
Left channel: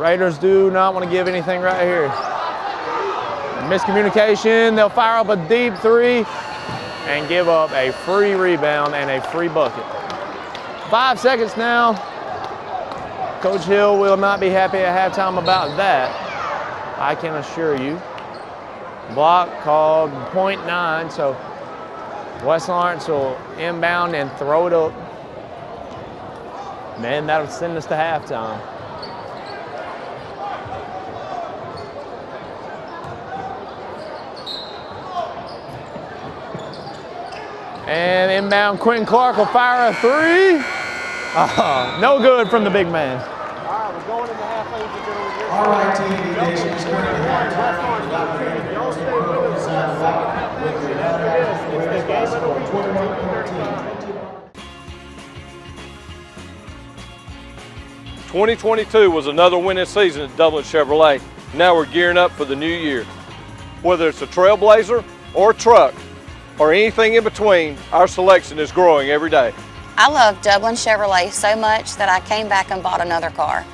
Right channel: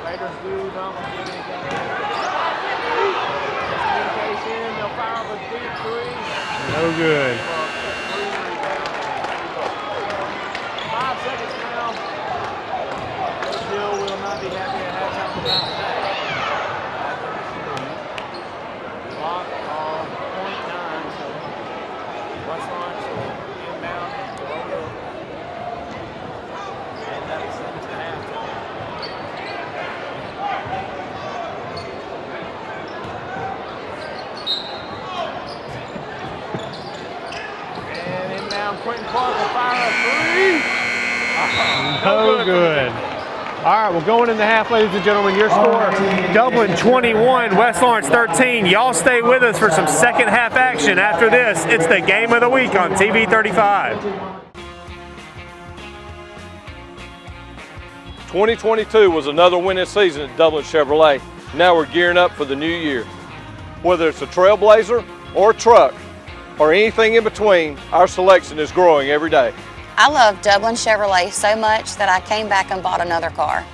Raiders do not want to give anything right here. Miscommunication, they'll fire up a deep three and give up a free rebound and a free bucket. 5 seconds now. Coach Hill will not be happy at halftime about that, I can assure you. Block called .9, so West Lawrence will inbound and throw it up. Man, that'll send us to halftime. And inbound, Quentin Clark will fire a three. No good from the big man. All right, we're going in the half, ladies and gentlemen. Your score, Dublin 21, West Lawrence 13. Y'all stay with us for some second half action. After this, it's the game of the week on TV 35. 2022 was another winning season at Dublin Chevrolet. Now we're gearing up for the new year. Whether it's a Trailblazer or a truck or anything in between, our selection is growing every day. I love Dublin Chevrolet so much that I came back and bought another car.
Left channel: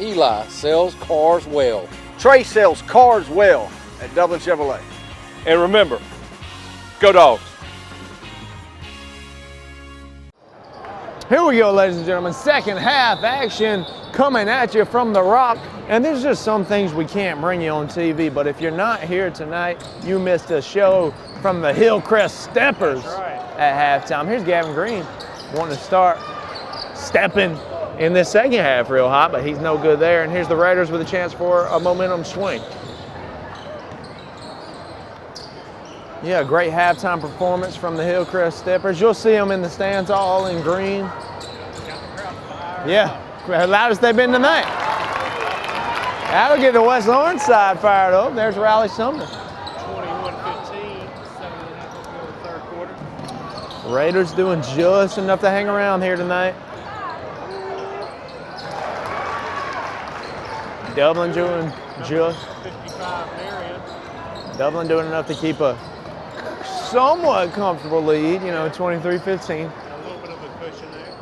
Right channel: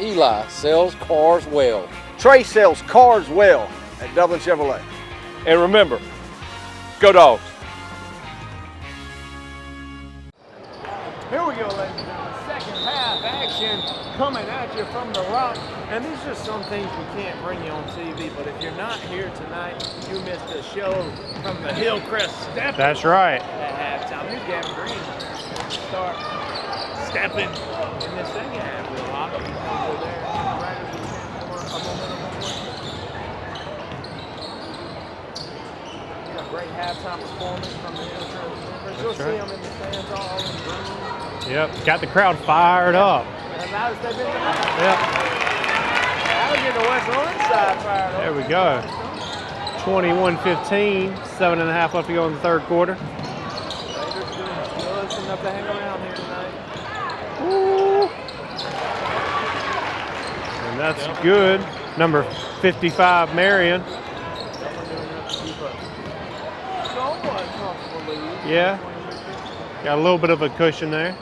Eli sells cars well. Trey sells cars well at Dublin Chevrolet. And remember, go Dogs. Here we go, ladies and gentlemen. Second half action coming at you from the Rock. And there's just some things we can't bring you on TV, but if you're not here tonight, you missed a show from the Hillcrest Steppers. That's right. At halftime. Here's Gavin Green wanting to start stepping in this second half real hot, but he's no good there. And here's the Raiders with a chance for a momentum swing. Yeah, great halftime performance from the Hillcrest Steppers. You'll see them in the stands all in green. Yep, got the crowd fired up. The loudest they've been tonight. Yep. That'll get the West Lawrence side fired up. There we There's go. Riley Sumner. 21-15, 7.5 left to go in the third quarter. Raiders doing just enough to hang around here tonight. And that's Dublin good. doing Number just- 55, Marion. Dublin doing enough to keep a somewhat comfortable lead, you know, Yeah. 23-15. Got a little bit of a cushion there.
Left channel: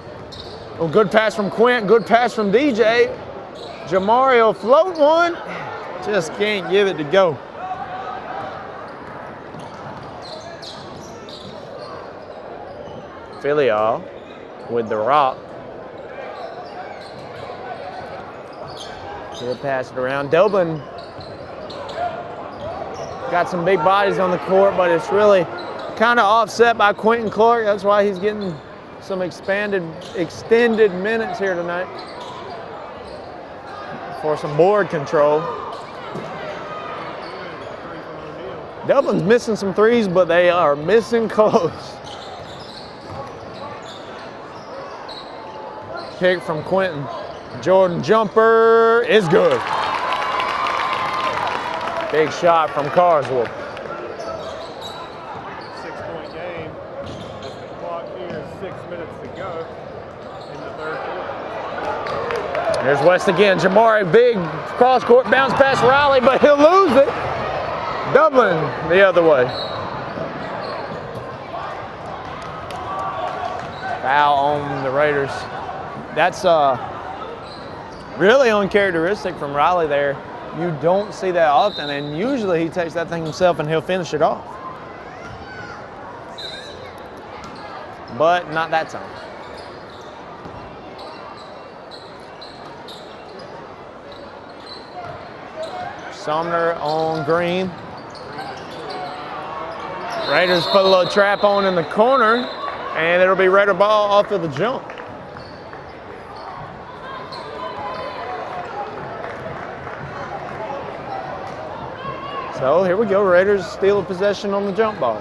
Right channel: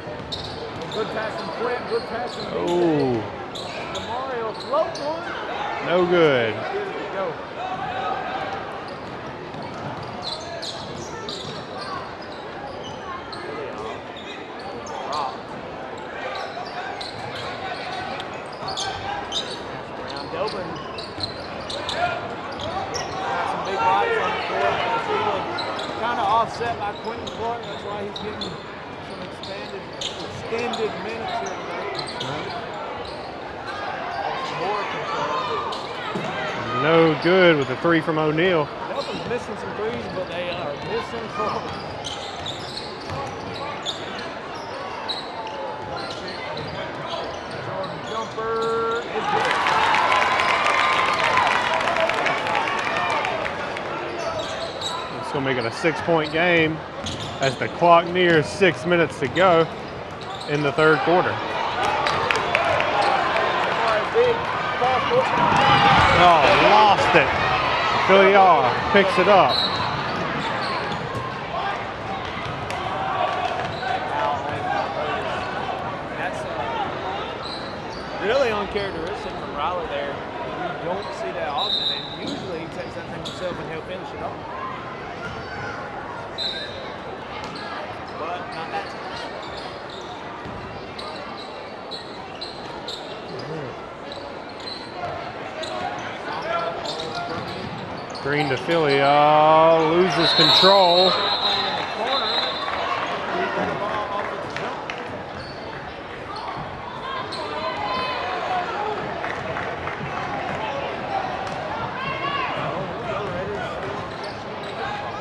Well, good pass from Quint, good pass from DJ. Ooh. Jamario float one. No Just good. can't give it to go. Filial with the rock. He'll pass it around. Dublin got some big bodies on the court, but it's really kind of offset by Quentin Clark. That's why he's getting some extended minutes here tonight for some board control. No good with the three from O'Neal. Dublin's missing some threes, but they are missing close. Kick from Quentin. Jordan jumper is good. Big shot from Carswell. It's going to make it a 6-point game as the clock nears 6 minutes to go in the third quarter. There's West again. Jamari, big cross-court bounce pass Riley, but he'll lose it. Dublin the other way. Foul on the Raiders. That's really uncharacteristic from Riley there. You don't see that often, and usually he takes that thing himself and he'll finish it off. But not that time. Sumner on Green. Green to Filial, loses Raiders put a control. little trap on in the corner, and it'll be Raider ball off of the jump. So here we go, Raiders steal a possession on the jump ball.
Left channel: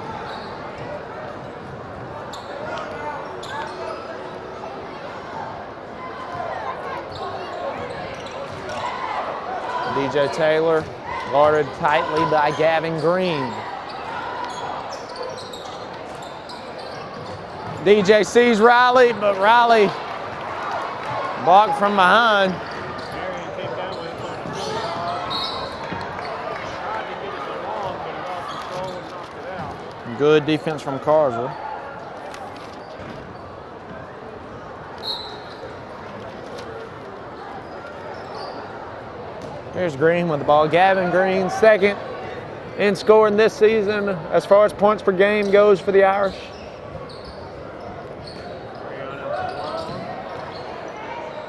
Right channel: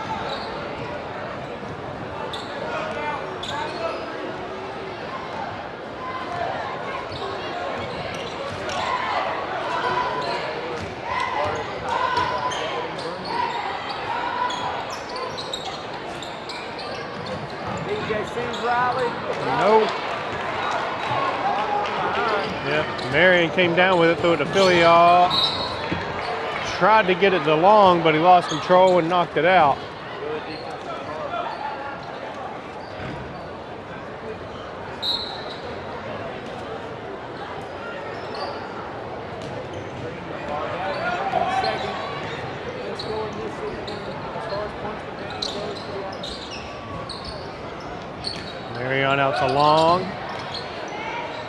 DJ Taylor, guarded tightly by Gavin Green. DJ sees Riley, but Riley blocked from behind. Yep, Marion came down with it, threw it to Filial. Tried to get it to Long, but he lost control and knocked it out. Good defense from Carswell. Here's Green with the ball. Gavin Green, second in scoring this season as far as points per game goes for the Irish. Marion out to Long.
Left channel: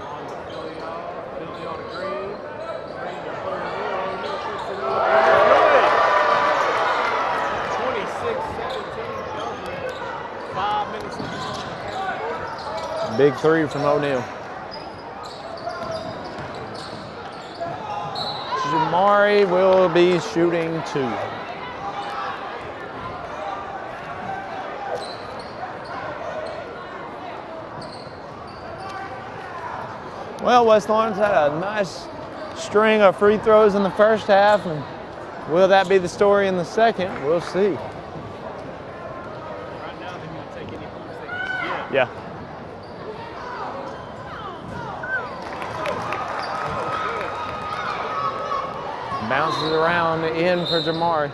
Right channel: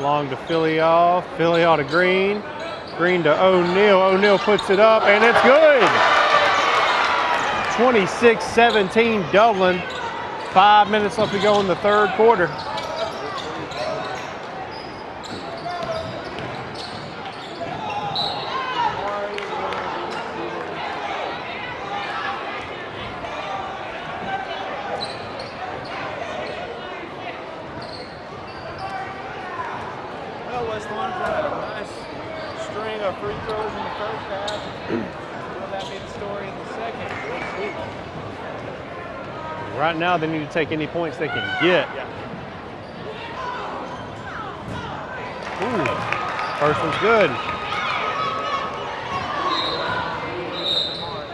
Long to Filial. Filial to Green. Green to O'Neal. O'Neal puts it up, and it's good. 26-17 Dublin. 5 minutes left to go in the third quarter. Big three from O'Neal. Jamari will be shooting 2. Well, West Lawrence had a nice string of free throws in the first half, and will that be the story in the second? We'll see. Right now, they need to take any points they can get. Yeah. Ooh, first one's good. Bounces around in for Jamari.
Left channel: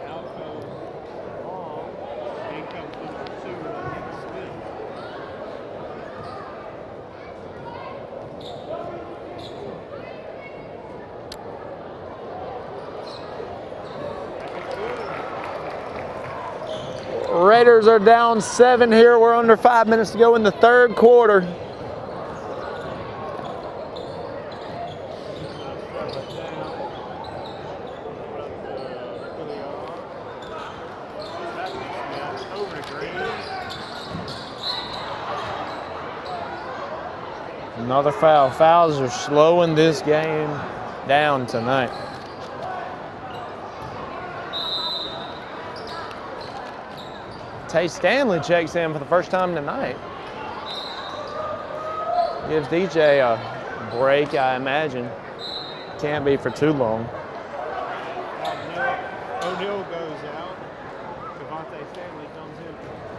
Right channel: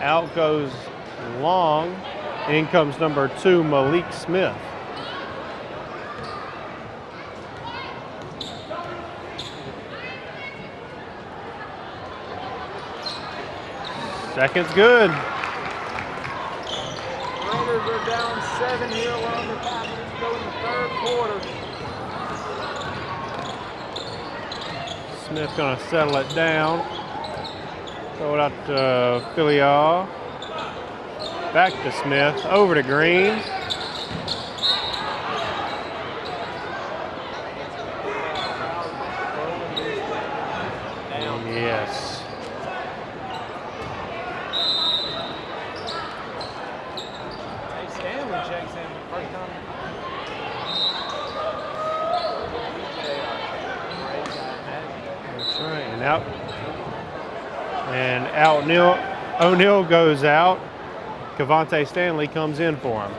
Out goes Long. In comes number 2, Malik Smith. Second's good. Raiders are down 7 here. We're under 5 minutes to go in the third quarter. Smith's gonna settle it down. Throw it out to Filial. Back to Smith, over to Green. Another foul. Fouls are slowing this game down tonight. Yes. Tay Stanley checks in for the first time tonight. Gives DJ a break, I imagine. That's right. Can't be for too long. And O'Neal goes out. Cavante Stanley comes in for him.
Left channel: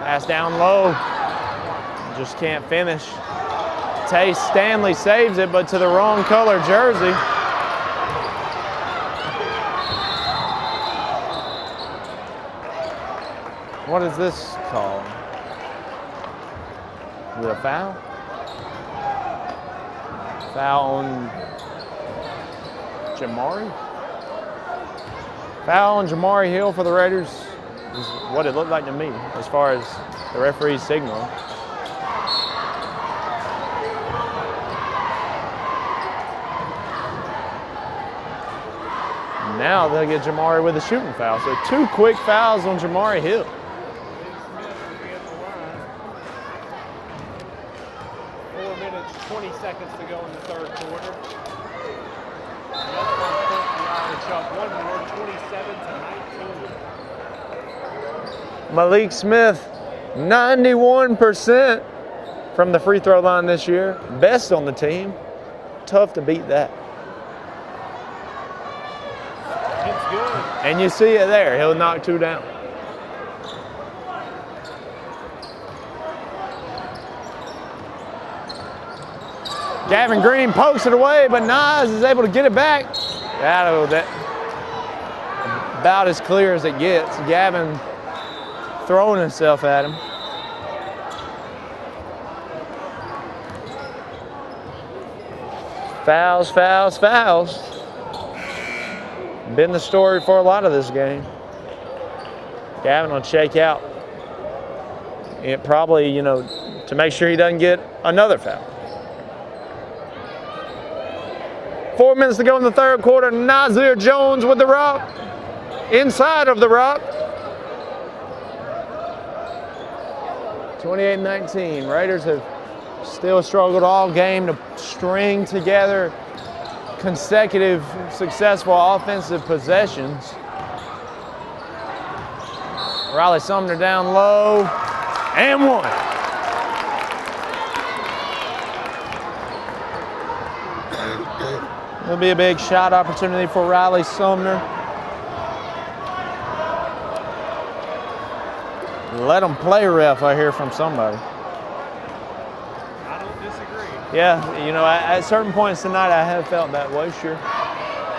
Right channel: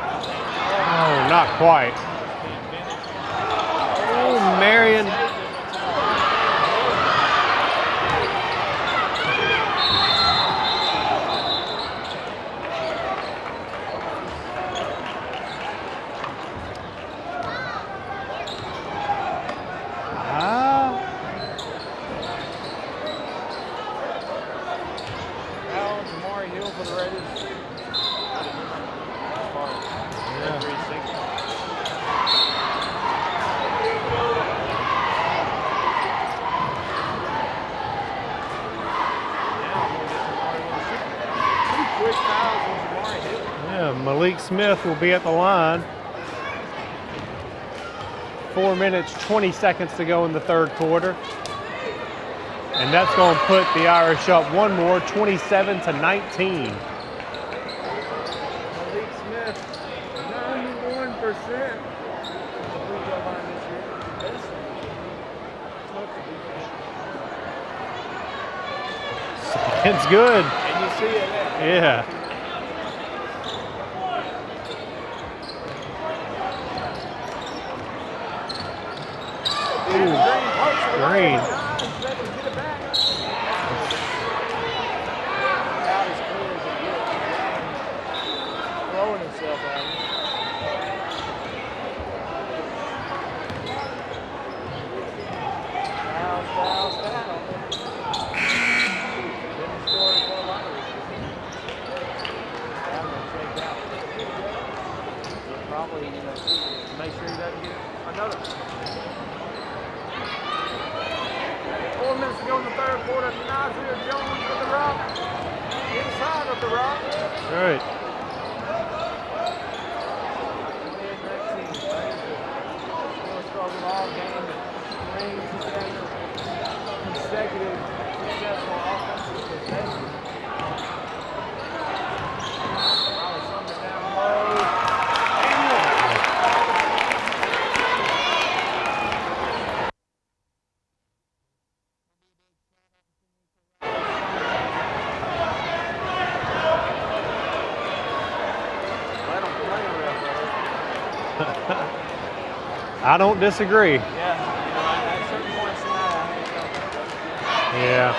Pass down low. Oh, not quite. Just can't finish. Tay Stanley saves it, but to the wrong color jersey. What is this called? Is it a foul? Foul on Jamari? Foul on Jamari Hill for the Raiders is what it looked like to me as far as the referee's signal. And now they'll get Jamari with a shooting foul. So 2 quick fouls on Jamari Hill. Yeah, Malik Smith will be at the line. 4 minutes, 20 seconds to go in the third quarter. And that's going to put the Irish up one more, 27-19. Malik Smith, 91% from the free throw line this year. Best on the team. Tough to beat that. It's good. And you see it there. He'll knock 2 down. Gavin Green posted away, but Nas is able to get it back. That about as clear as it gets. Gavin throwing himself at him. Fouls, fouls, fouls. Been the story for a lot of this game. Gavin will shake out. It probably, to make sure he doesn't get another foul. 4 minutes to go in the third quarter. Nazir Jones with the rock. Inside of the rock. All right. 28-19. Raiders have still struggled all game to string together consecutive successful offensive possessions. Riley Sumner down low, and one. It'll be a big shot opportunity for Riley Sumner. Let them play ref right here from somebody. I don't disagree. Yeah, you know, at certain points tonight, I had felt that way, sure. Yeah.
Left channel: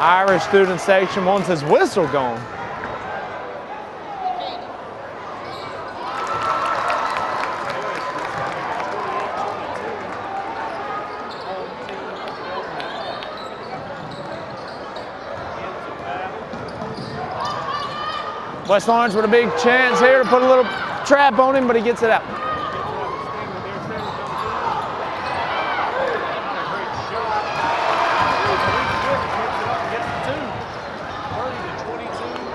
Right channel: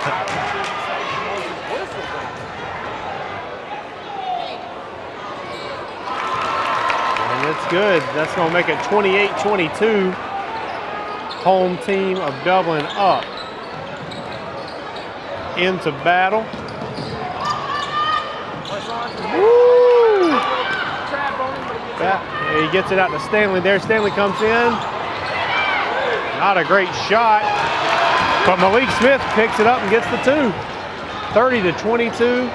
Irish student section wants his whistle gone. And it's good. That's going to make it 28-22. Home team of Dublin up. Into battle. West Orange with a big chance here. Put a little trap on him, but he gets it out. He gets it out to Stanley there. Stanley comes in. Not a great shot. But Malik Smith picks it up and gets the 2. 30-22.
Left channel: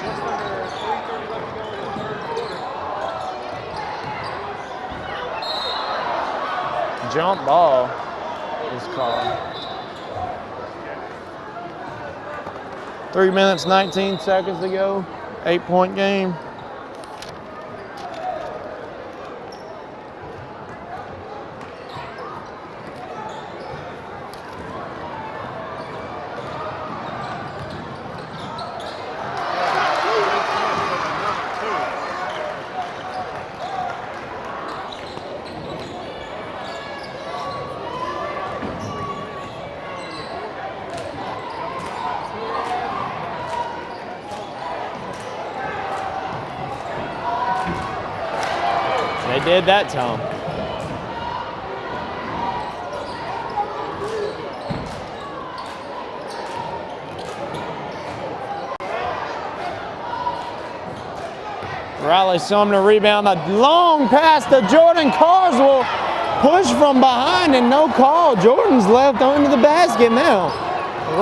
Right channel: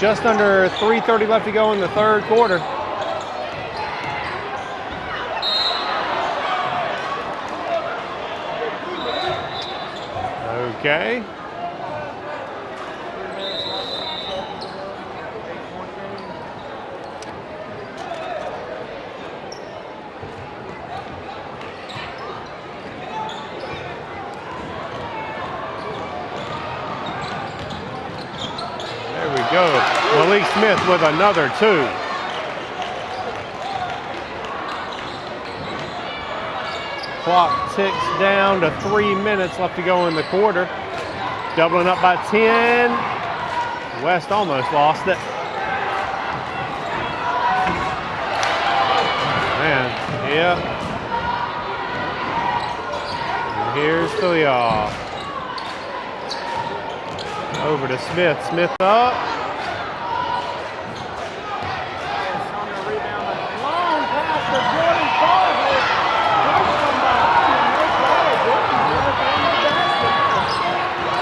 Just under 3:30 left to go in the third quarter. Jump ball is called. Okay. 3 minutes, 19 seconds to go. 8-point game. There we go. Malik Smith with another 2. Clock ticks down to 3 minutes left to go in the quarter. Dublin up by 10. West almost lost it. They did that time. Yeah. Here's Philyaw. Over to Smith. Smith up. Riley Sumner rebound. A long pass to Jordan Carswell. Push from behind and no call. Jordan's left under the basket now.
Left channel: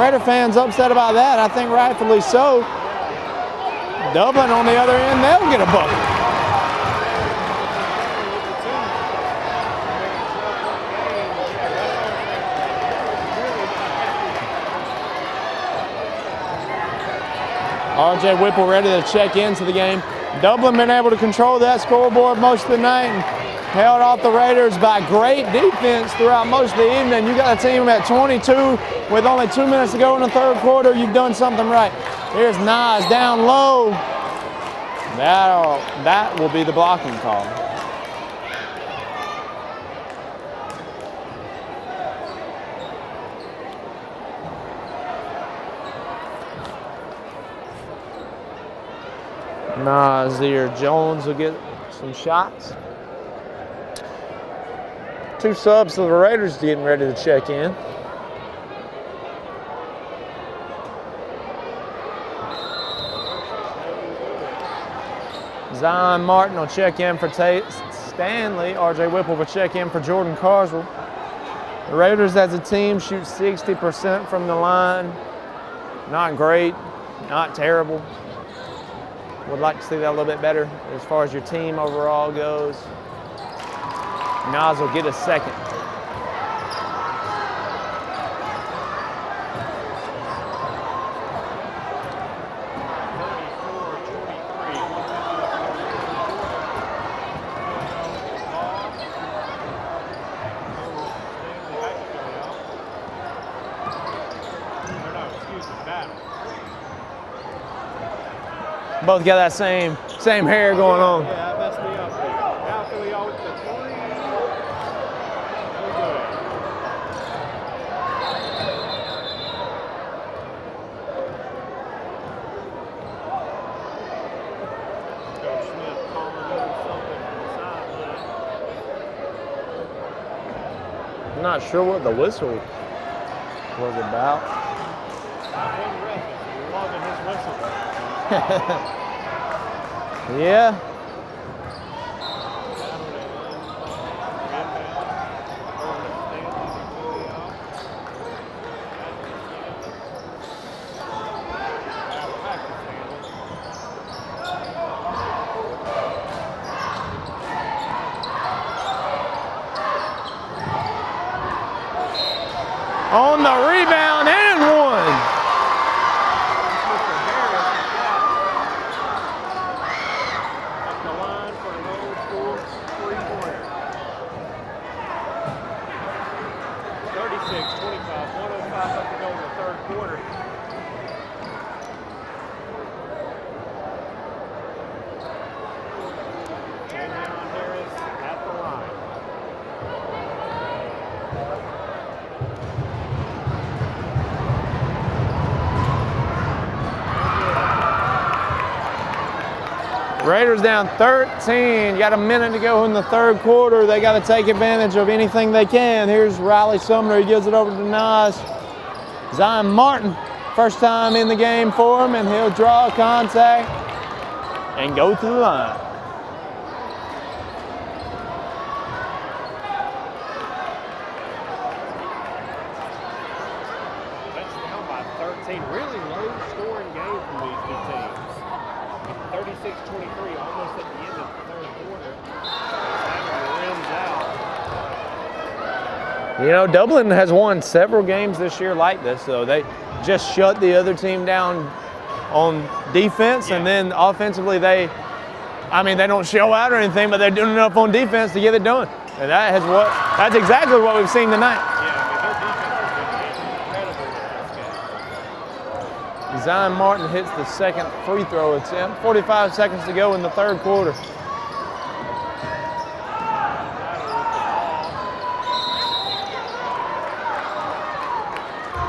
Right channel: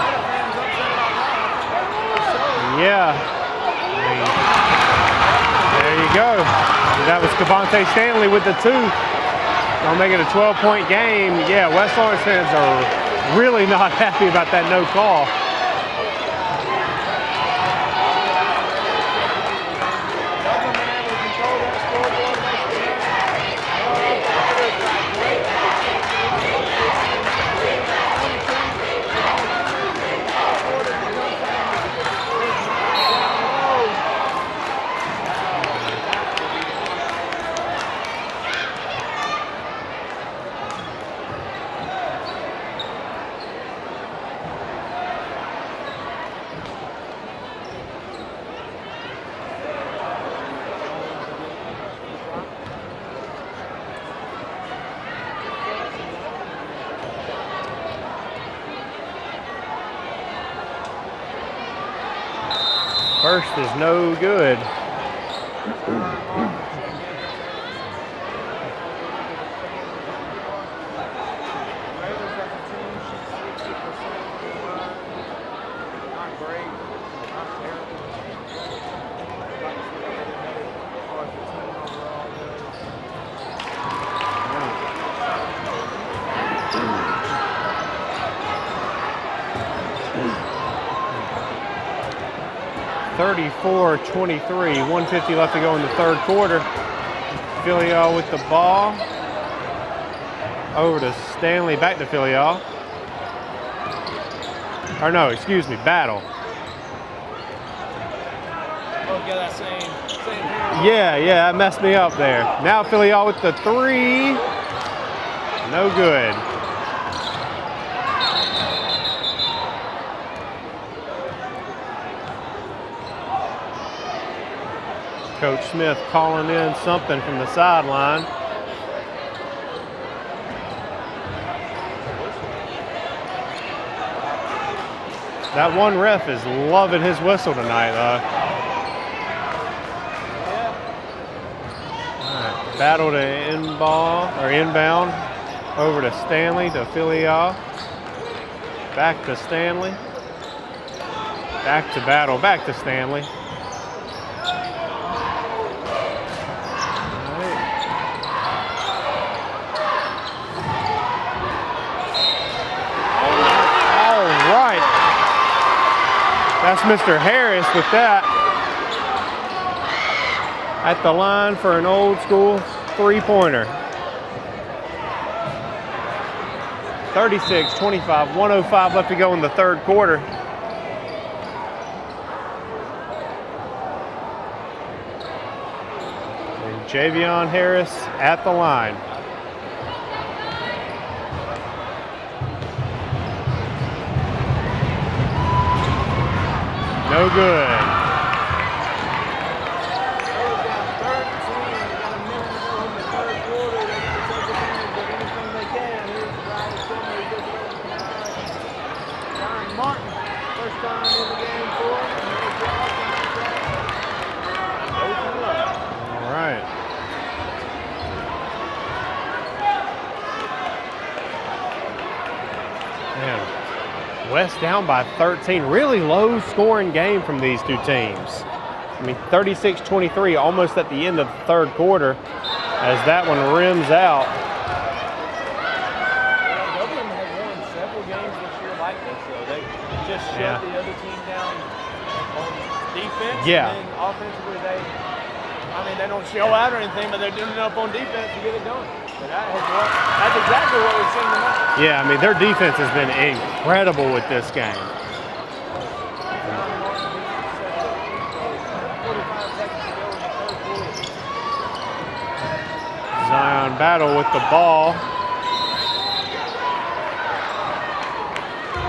Raider fans upset about that. I think rightfully so. Yeah. Dublin on the other end, they'll get a ball. There you go. That was Devontae Stanley with the 2. Gonna make it a 12-point game. Yeah, West Orange fans are really not happy about that no call. RJ Whipple ready to check into the game. Dublin been able to control that scoreboard most of the night and held off the Raiders by great defense throughout most of the evening. You got a team at 22 with only 2 minutes to go in the third quarter. You've done something right. Here's Nas down low. That will be the blocking call. Nazir Jones will get some shots. 2 subs to the Raiders getting ready to check in. First is no good. Zion Martin will check in for Tate Stanley. RJ Whipple will check in for Jordan Carswell. The Raiders as a team shoot 60% from the line. Not great, not terrible. Would like to see that a little bit better as far as your team overall goes. Nas will get a second. (34-23), 1:50 left to go in the third quarter. Philyaw with the ball. Over to Stanley, back to Philyaw. Or no, excuse me, Battle. Both got that same hair going on. Yeah, that messed me up there. Now Philyaw with the 3. No good. Coach Smith calling in something from the sideline. I'm not sure what the whistle was about. That one ref is loving his whistle tonight, Yeah. Right, battle to inbound. Over to Stanley, to Philyaw. Back to Stanley. Back to Battle, back to Stanley. On the rebound and one. That's Mr. Harris with that. At the line for an old school 3-pointer. 36-25, 1:05 left to go in the third quarter. And Javion Harris at the line. No good. Raiders down 13. Got a minute to go in the third quarter. They got to take advantage of anything they can. Here's Riley Sumner. He gives it over to Nas. Zion Martin, first time in the game for him, and he'll draw contact and go to the line. All right. Man, West down by 13. Really low scoring game from these two teams. I mean, 36-23, almost at the end of the third quarter, as that one rims out. You know, Dublin has won several games this year like this, though. They just shut the other team down on defense, and then offensively they don't show out or anything, but they're doing enough on defense to get it done. And that's exactly what we've seen tonight. Yeah, I mean, their defense has been incredible with this game. Zion Martin hits the second free throw attempt. 45 seconds to go in the third quarter. Zion Battle with the ball.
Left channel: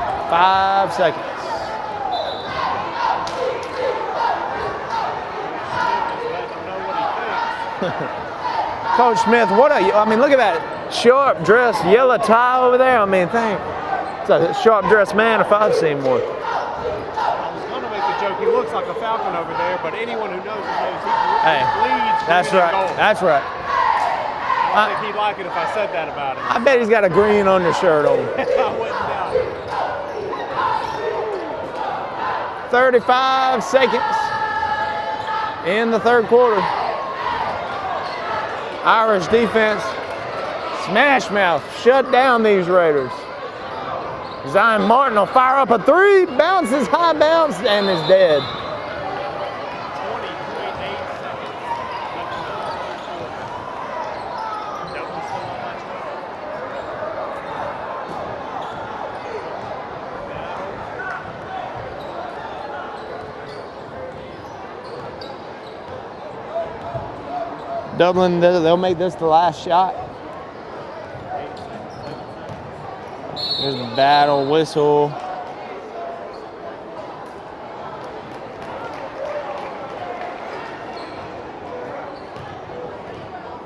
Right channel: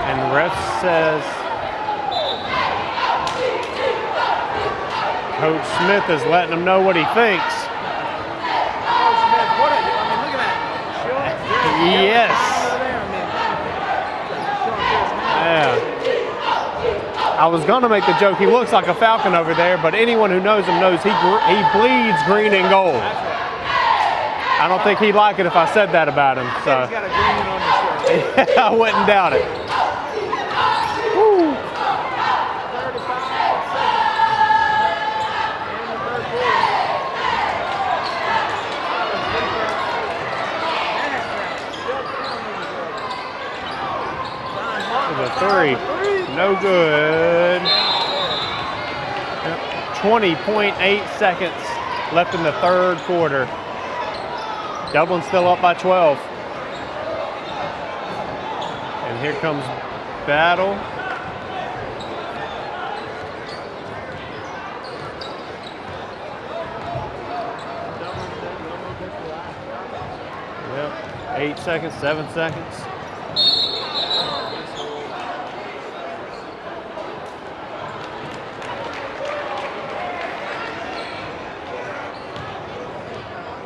And ref says Coach Smith is letting him know what he thinks. Coach Smith, look at that sharp dress, yellow tie over there. I mean, it's a sharp dressed man if I've seen one. I was going to make the joke, he looks like a Falcon over there, but anyone who knows him knows he bleeds green and gold. That's right. I don't think he'd like it if I said that about him. I bet he's got a green undershirt on. I wouldn't doubt it. 35 seconds in the third quarter. Irish defense, smash mouth, shut down these Raiders. Zion Martin will fire up a three, bounces high bounce, and is dead. 20.8 seconds left in the third quarter. Dublin still up by 12. And here comes Battle. Dublin, they'll make this the last shot. Yep. 8 seconds, 7 seconds. Here's the Battle whistle.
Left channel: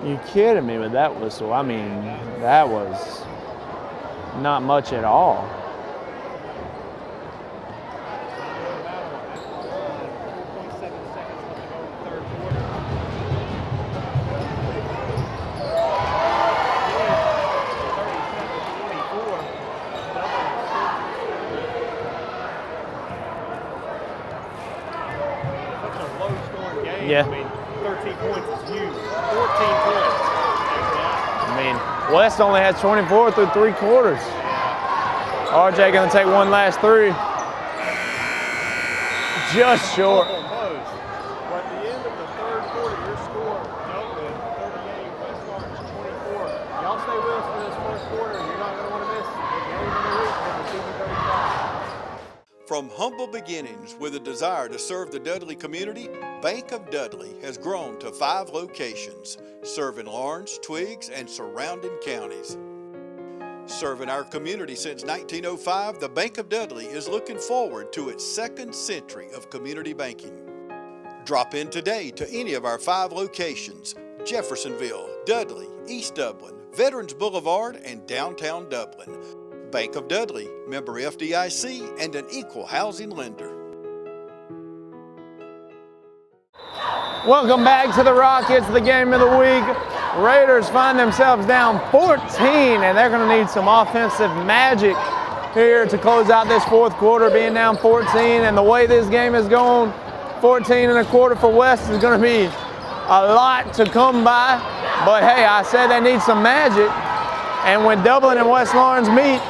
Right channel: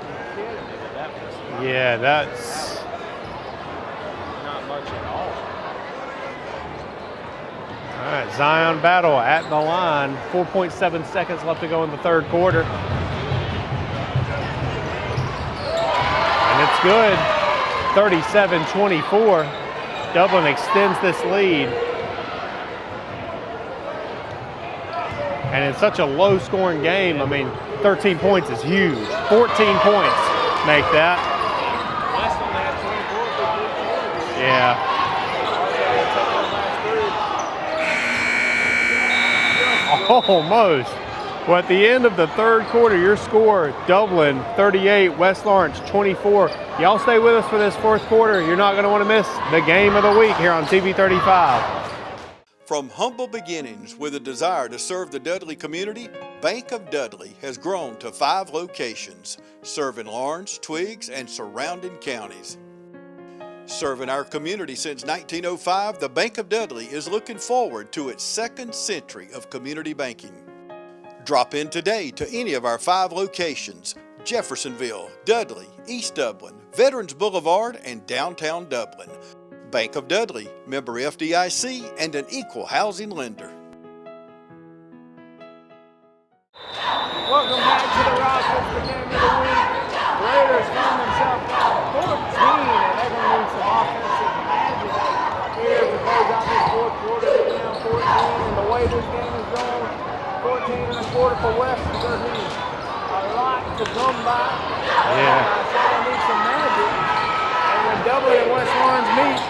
You kidding me with that whistle? I mean, that was not much at all. All right, Zion Battle at the line. 4.7 seconds left to go in the third quarter. And it's good. 37-24. Dublin extends this lead. And in such a low-scoring game, I mean, 13 points is huge. 14 points make that. I mean, West only has 24 through 3 quarters. Yeah. RJ gonna take one last three. Just short. Almost. Well, at the end of the third quarter, your score, Dublin 38, West Lawrence 24. Y'all stay with us for this fourth quarter. You're not gonna want to miss the game of the week here on TV 35. From humble beginnings with a desire to serve the Dudley community, Bank of Dudley has grown to 5 locations, serving Lawrence, Twiggs, and surrounding counties. Serving our community since 1905, the Bank of Dudley is looking forward to its 2nd century of community banking. Drop in today to any of our 5 locations: Jeffersonville, Dudley, East Dublin, Veterans Boulevard, and downtown Dublin. Bank of Dudley, member FDIC, and an equal housing lender. Welcome back to the Rockets, the game of the week. Raiders find themselves down 14, and they're going to need some offensive magic here to close out this fourth quarter, being down 14. And the way this game is going, 14 and a quarter for West is going to be a lot to come by. But hey, I said they need some magic. And when Dublin and West Lawrence meet,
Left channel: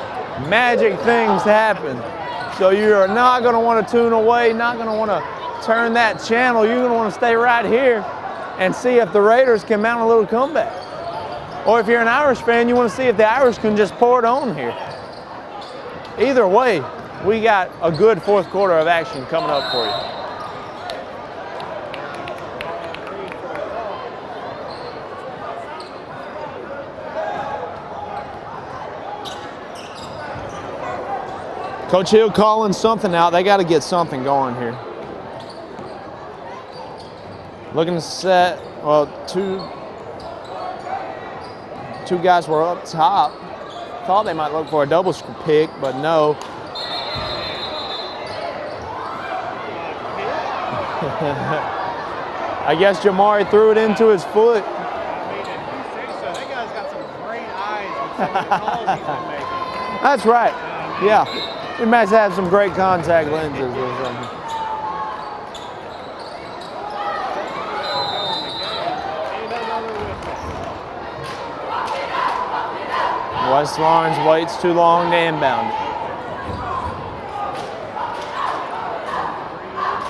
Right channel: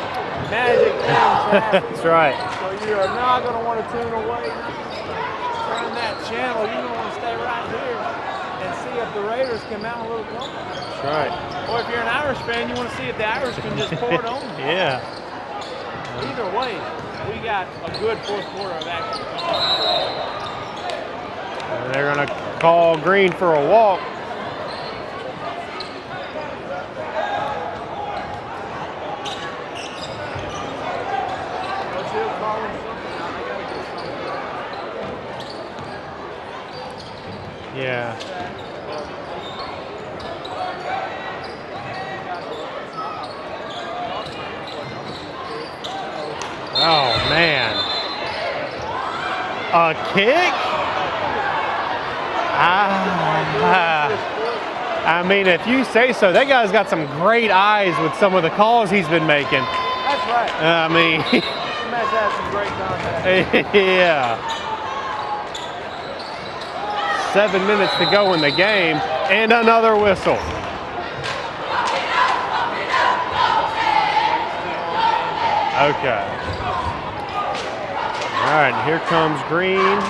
magic things happen. That's right. So you're not going to want to tune away, not going to want to turn that channel. You're going to want to stay right here and see if the Raiders can mount a little comeback. That's right. Or if you're an Irish fan, you want to see if the Irish can just pour it on here. Yeah. Either way, we got a good fourth quarter of action coming up for you. And they're going to call Green for a walk. Coach Hill calling something out. They got to get something going here. Looking to set. Well, two guys were up top. Thought they might look for a double pick, but no. Oh, man. A kick? I guess Jamari threw it into his foot. I mean, if you say so, that guy's got some great eyes with some of the calls he's been making. That's right. I mean, yeah. He must have some great contact. Yeah. 7 minutes to go in the game, and another whistle. West Lawrence waits too long to inbound. Okay. All right, here comes Green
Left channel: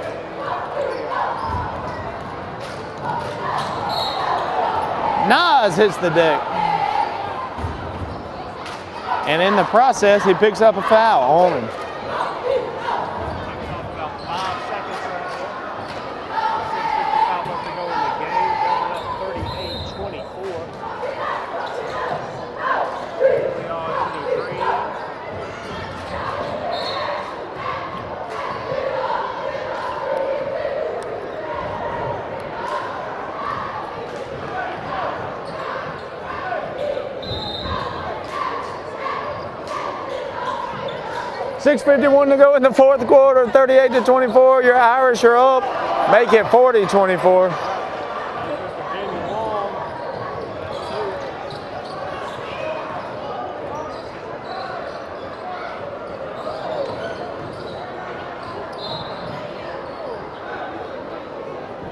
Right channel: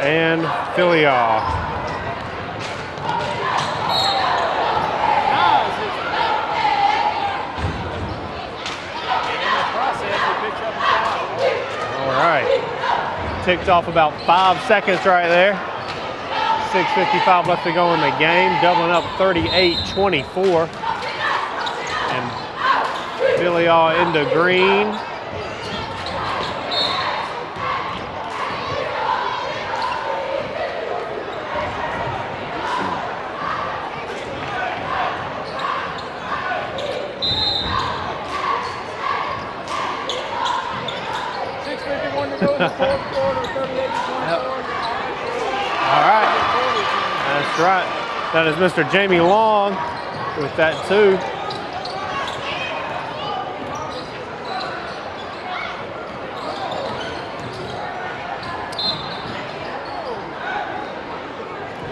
and Filial. Nas hits the deck. And in the process, he picks up a foul. All right. Ticked off about 5 seconds right there. 6:55 left to go in the game. Dublin up 38-24. And Filial into Green. $6:51 to go in the fourth quarter, 38-24. Your Irish are up. Right. Make it 40-24. That's right. That is Mr. Jamie Long with that too.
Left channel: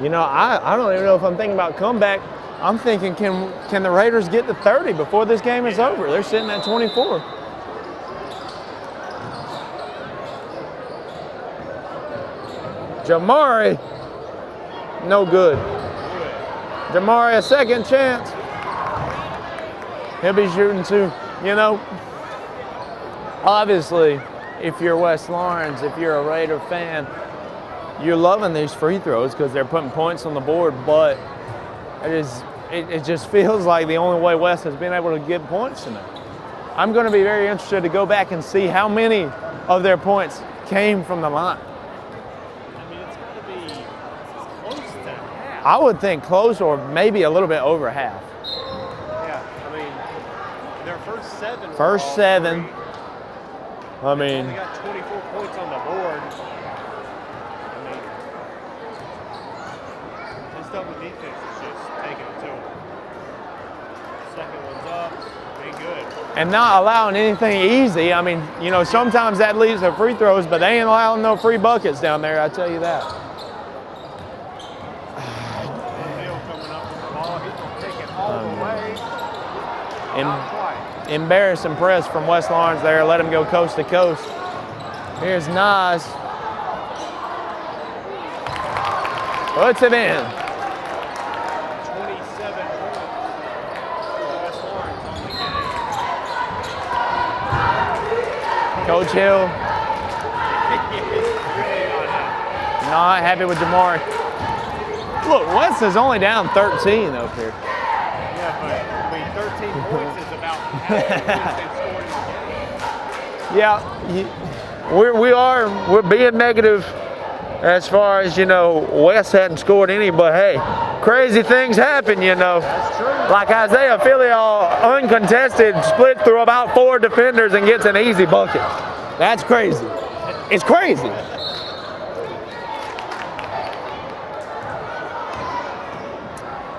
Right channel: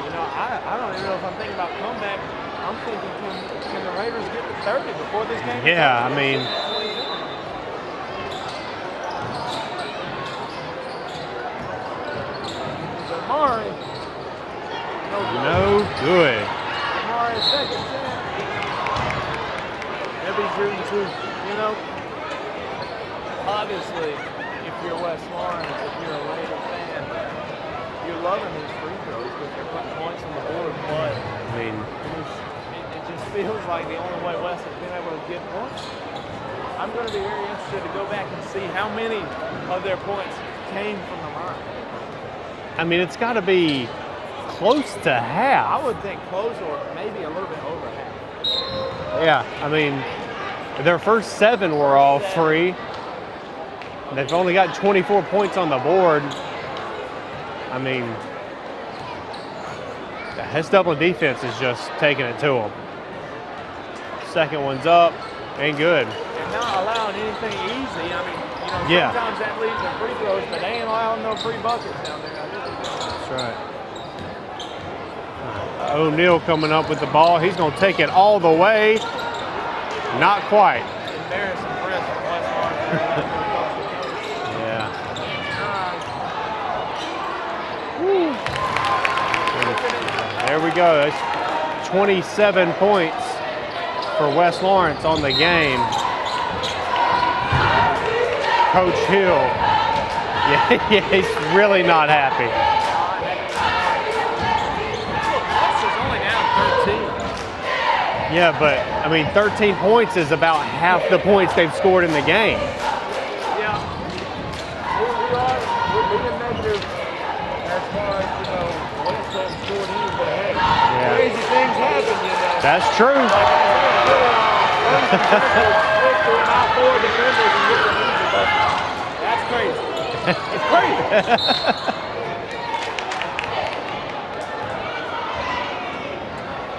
You know, I don't even know if I'm thinking about comeback. I'm thinking, can the Raiders get to 30 before this game is over? They're sitting at 24. Jamari, no good. No good. Jamari, a second chance. He'll be shooting too. You know, obviously, if you're West Lawrence, if you're a Raider fan, you're loving these free throws because they're putting points on the board, but I mean, it just feels like the only way West has been able to get points tonight. I'm going to be very interested to go back and see how many of their points came from the line. I mean, it's got to be close to half. I would think close or maybe a little bit over half. Yeah, I mean, their first 7 were all free. They've only got 24 points on the board. I mean, this Dublin defense is just taking it to them. Second one's up, ain't good. And not allowing anything easy. I mean, you know, sometimes that leads to free throws, but they ain't allowing no free buckets down there, I tell you that. That's right. O'Neal coming up with the ball. He's going to take it all the way. Not quite. Embarrassing press from West Lawrence there. Let him go coast to coast. Yeah. Here's Nas. Puts it in. There we go. That's 27 points for West Lawrence on the game. Coach Hill. Yeah, he's really not happy. Not happy with Jamari. Look, West is only down 13 up here. Yeah, but, I mean, 13 points is about half the points they've scored in the game. Yeah, we're being negative as far as, you know, West hadn't scored any, but hey, crazy things happen, you know. That's true. Like Isaiah Filial, uncontested, split through about 4 defenders and gets an easy bucket. That's crazy. It's crazy.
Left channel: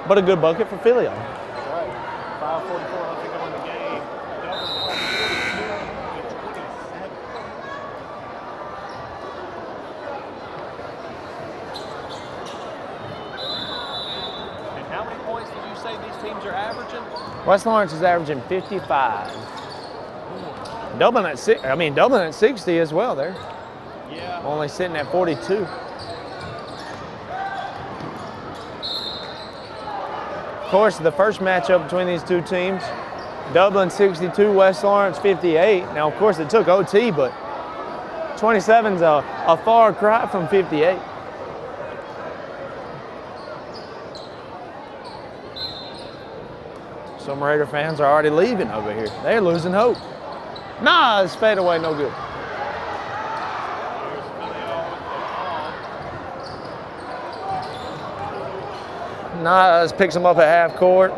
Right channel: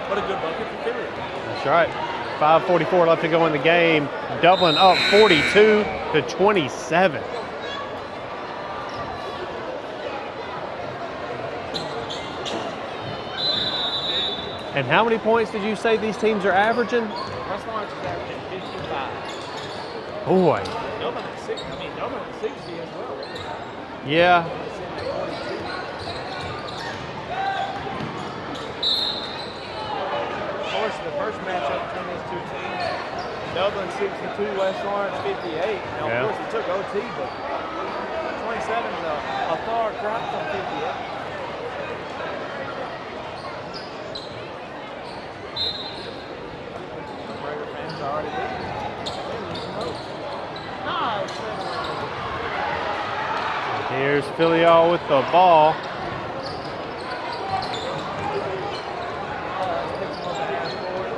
But a good bucket for Filial. That's right. 5:44 left to go in the game. Dublin up 42-27. And how many points did you say these teams are averaging? West Lawrence is averaging 55. Boy. Dublin at 60 as well. They're only sitting at 42. course, the first matchup between these two teams, Dublin 62, West Lawrence 58. Now, of course, it took OT, but 27's a far cry from 58. Some Raider fans are already leaving over here. They're losing hope. Nah, it's fade away, no good. Here's Filial with the ball. Nas picks him up at half court.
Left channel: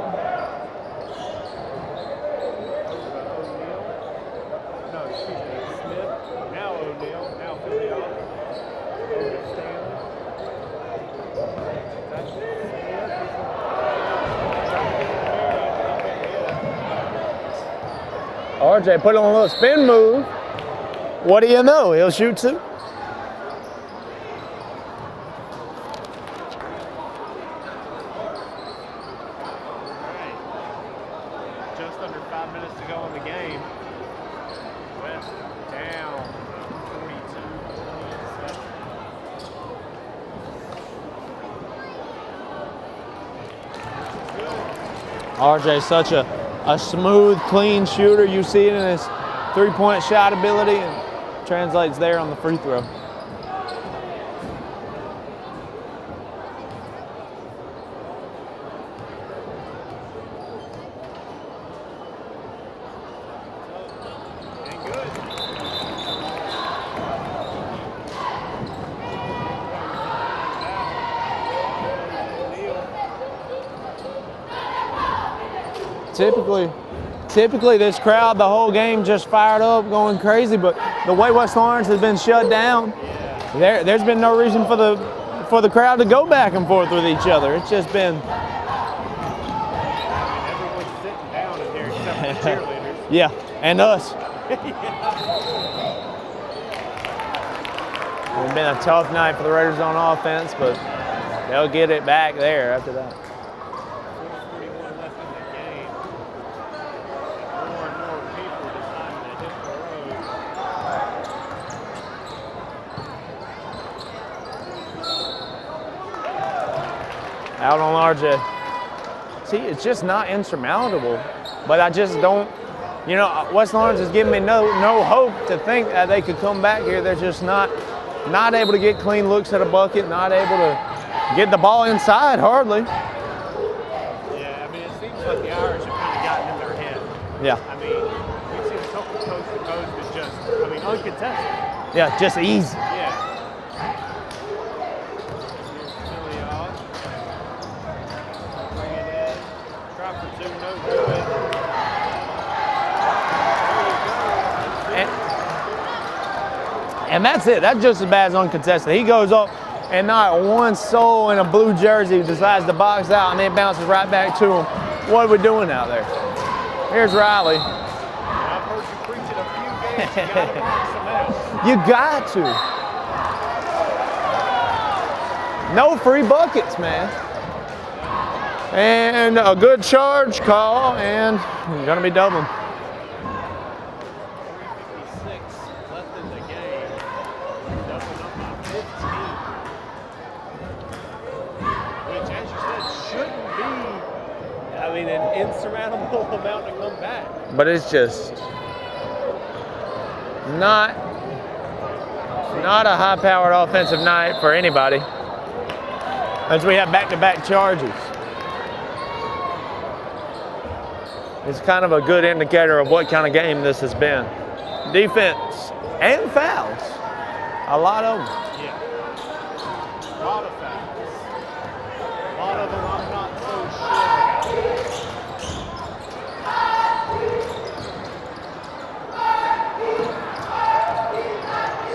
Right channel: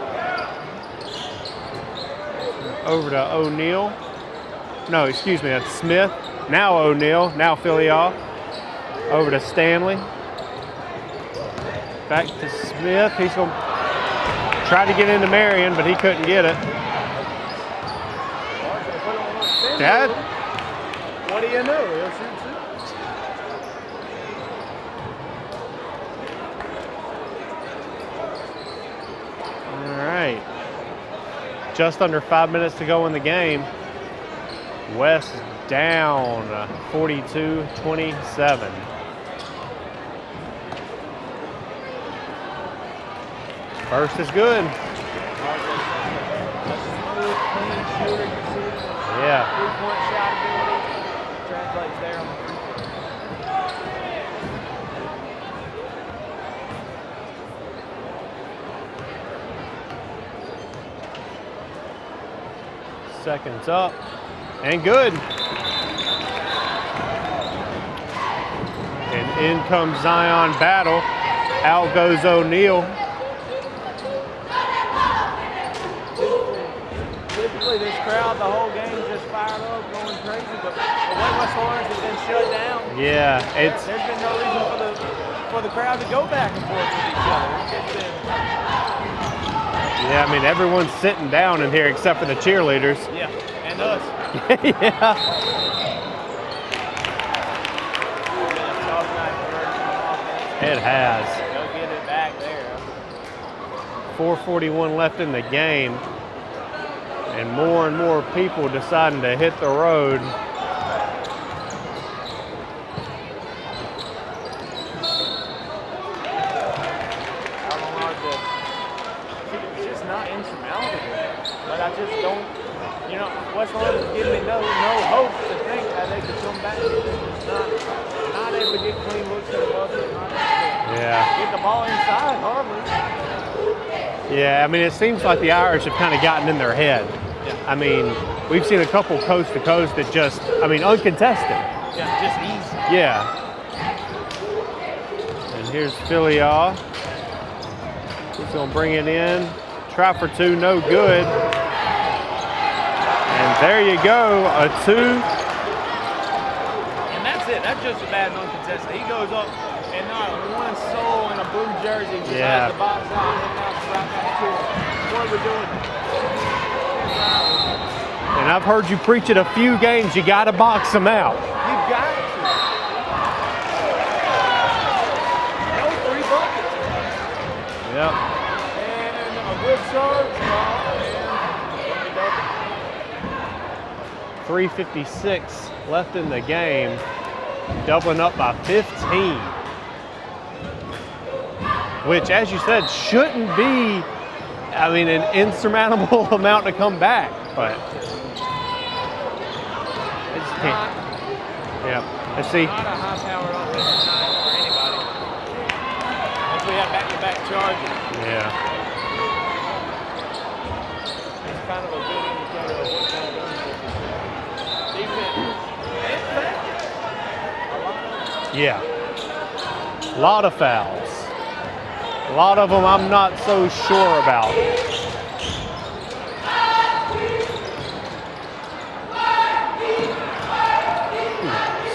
Over to O'Neal. No, excuse me, that's Smith. Now O'Neal, now Filial. Over to Stanley. Back to Smith. He's going to try to get into Marion, but he couldn't get it. RJ put on a little spin move. What do you know? He'll shoot too. Just under 5 minutes to go in the game. West down 42-27. First is good. RJ's such a smooth, clean shooter. You see it in his three-point shot ability. Translates there on the free throw. Seconds up, and good. And in comes Zion Battle. Out goes O'Neal. Typically this crowd, the whole game just fired up, going crazy, but the way West Lawrence has been shut down, there's been no reason for the crowd to go back and forth with each other. It's just been... Yeah, I mean, everyone's sitting down in here except for the cheerleaders. Yeah, and us. Yeah. It's been a tough night for the Raiders on offense, but it has. They'll get it back there after that. 4:41 left in the game, and more people deciding to hit the road. Out on RJ. See, it's just not insurmountable, but I just don't, you know, West Lawrence is giving me no hope to think that they could come back here. They're just not able to get clean looks at a bucket, not able to get the ball inside, hardly. Yeah, I mean, it seems like the Irish have kind of gotten in their head. Yeah. I mean, we've seen a couple coast to coast that just, I mean, uncontested. Yeah, just easy. Yeah. And here's Filial. He's going to bring it in. Try for two, no good. And there you go, a two. And that's it. That's just as bad as uncontested. He goes up, and not one soul in a blue jersey decides to box out, and it bounces right back to him. What are we doing out there? Here's Riley. And I've heard you preach it a few games. You got to box them out. You got to. No free buckets, man. Yep. And a good charge call, and it's going to be Dublin. 3:56 left in the game. Dublin up by 15. Which, as you said, shouldn't be, I mean, an insurmountable amount to come back. But it's just, it's not, not a high-powered offensive night for anybody. As we have back-to-back charges. Yeah. It's kind of a good indicator of what kind of game this has been. Defense and fouls. A lot of them. Yeah. A lot of fouls. A lot of them I'm not so sure about.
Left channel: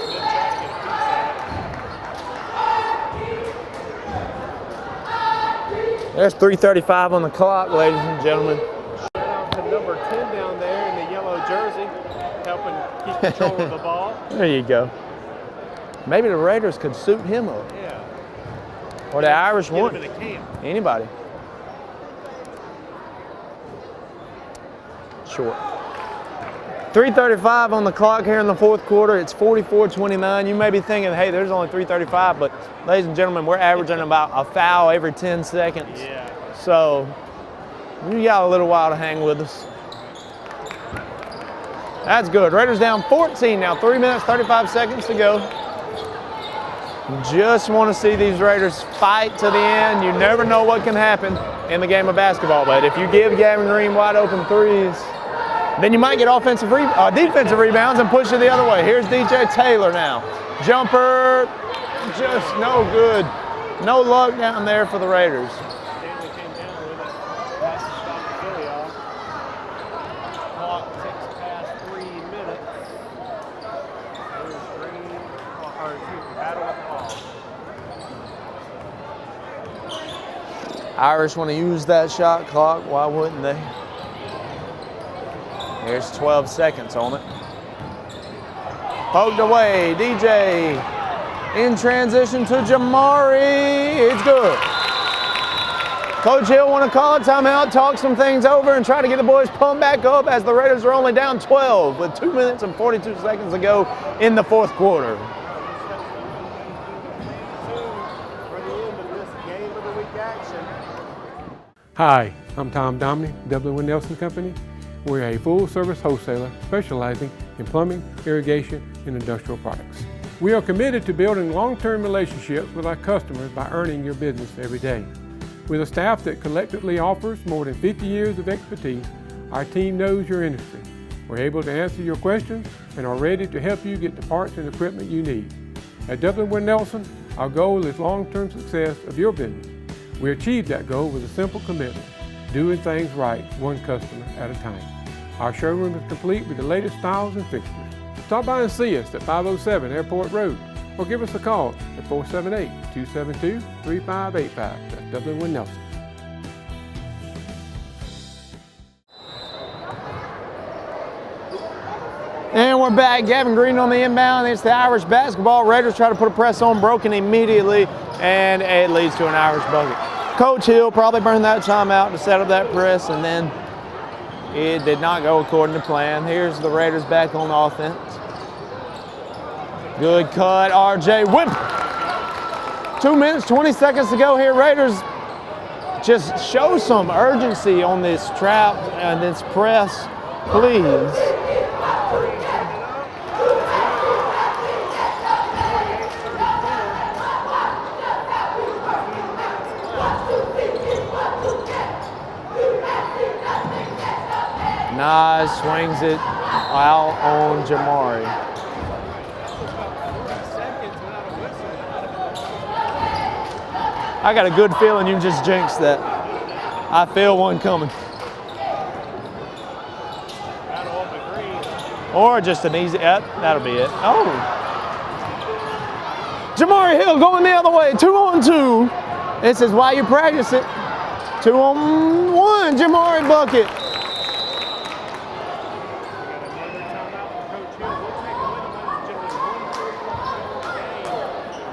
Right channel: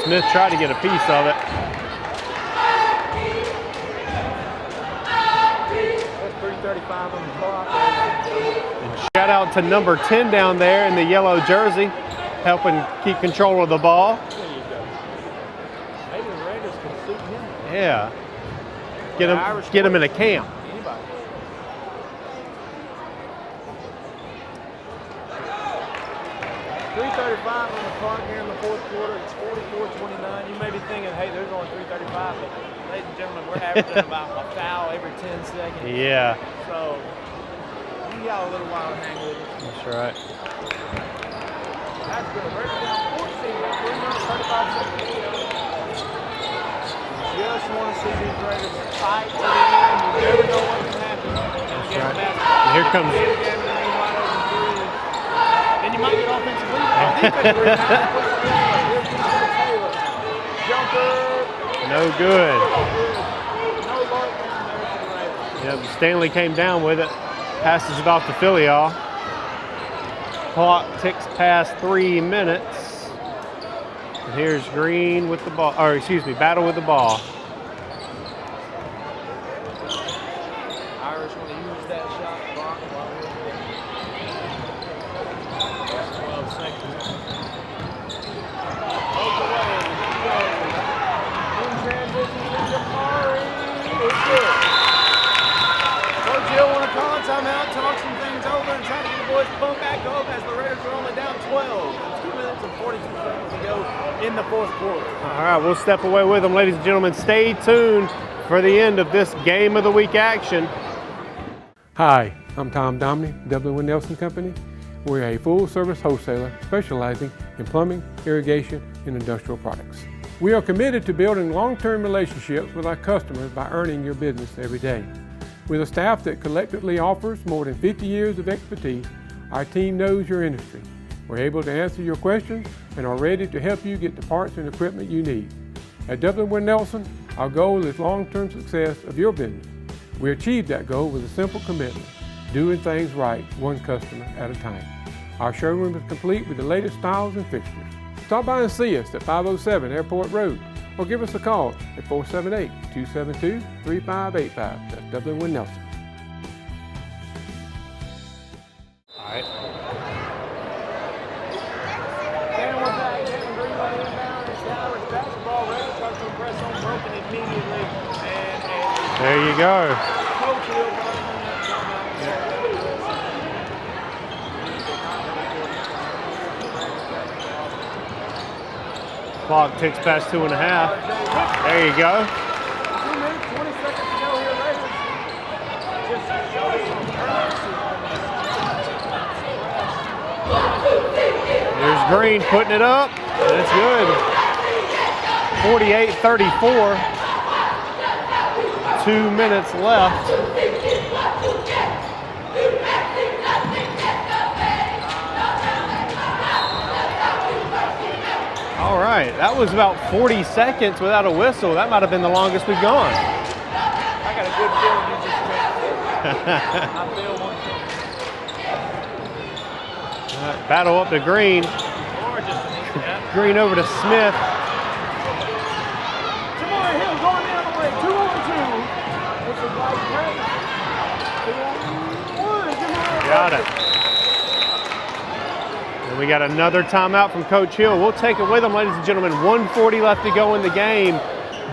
Smith tried to get a piece of it. There's 3:35 on the clock, ladies and gentlemen. And shout out to number 10 down there in the yellow jersey, helping keep control of the ball. There you go. Maybe the Raiders could suit him up. Yeah. Or the Irish get him in a camp. Anybody. Short. 3:35 on the clock here in the fourth quarter. It's 44-29. You may be thinking, hey, there's only 3:35, but ladies and gentlemen, we're averaging about a foul every 10 seconds. Yeah. So You got a little while to hang with us. That's right. That's good. Raiders down 14 now. 3 minutes, 35 seconds to go. Just want to see these Raiders fight to the end. You never know what can happen in the game of basketball. But if you give Gavin Green wide open threes, then you might get defensive rebounds and push it the other way. Here's DJ Taylor now. Jumper. No good. No good. No luck down there for the Raiders. Yep, Stanley came down with it. Passes it off to Filial. Clock ticks past 3 minutes. And here's Green with the ball, or excuse me, Battle with the ball. Irish want to use that shot clock. Why wouldn't they? There's 12 seconds on it. Poked away, DJ. In transition to Jamari. It's good. Coach Hill want to call a timeout, talk some things over, and try to get the boys pumped back up as the Raiders are only down 12 with 2 minutes and 42 seconds to go in the fourth quarter. All right, we'll step away with them, ladies and gentlemen. Stay tuned for the end of this Game of the Week action. Hi, I'm Tom Domney, Dublin with Nelson Company. We're a full-service wholesaler specializing in plumbing, irrigation, and industrial products. We are committed to building long-term relationships with our customers by earning your business every day. With a staff that collectively offers more than 50 years of expertise, our team knows your industry. We're able to answer your questions and are ready to help you get the parts and equipment you need. At Dublin with Nelson, our goal is long-term success of your business. We achieve that goal with a simple commitment, doing things right, one customer at a time. Our showroom is complete with the latest styles and fixtures. Stop by and see us at 507 Airport Road or give us a call at 478-272-3585. That's Dublin with Nelson. And we're back. Gavin Green on the inbound. It's the Irish basketball. Raiders try to put a press on, broken immediately, and it leads to an Irish ball. Coach Hill probably burned that timeout to set up that press, and then it did not go according to plan. Here's the Raiders back on offense. Clock ticks Good past 2.5. cut, RJ Whip. There you go. 2 minutes, 20 seconds to go here. Raiders just show some urgency on this trap and this press, please. There's Green putting it up. That's good. 48-34. 2 minutes left. Nice, swings it out on Jamari. All right, that was about 40 seconds without a whistle. That might have been the longest we've gone. I got a good feeling you just jinxed that. I feel one coming. Right, battle up to Green. Or just an easy up. Green over to Smith. Jamari Hill going the other way, 2-on-2. This is why you practice it. 2-on-1, Jamari bucket. We got another timeout from Coach Hill. We'll take it with him, ladies and gentlemen. 1:40 left to go in the game.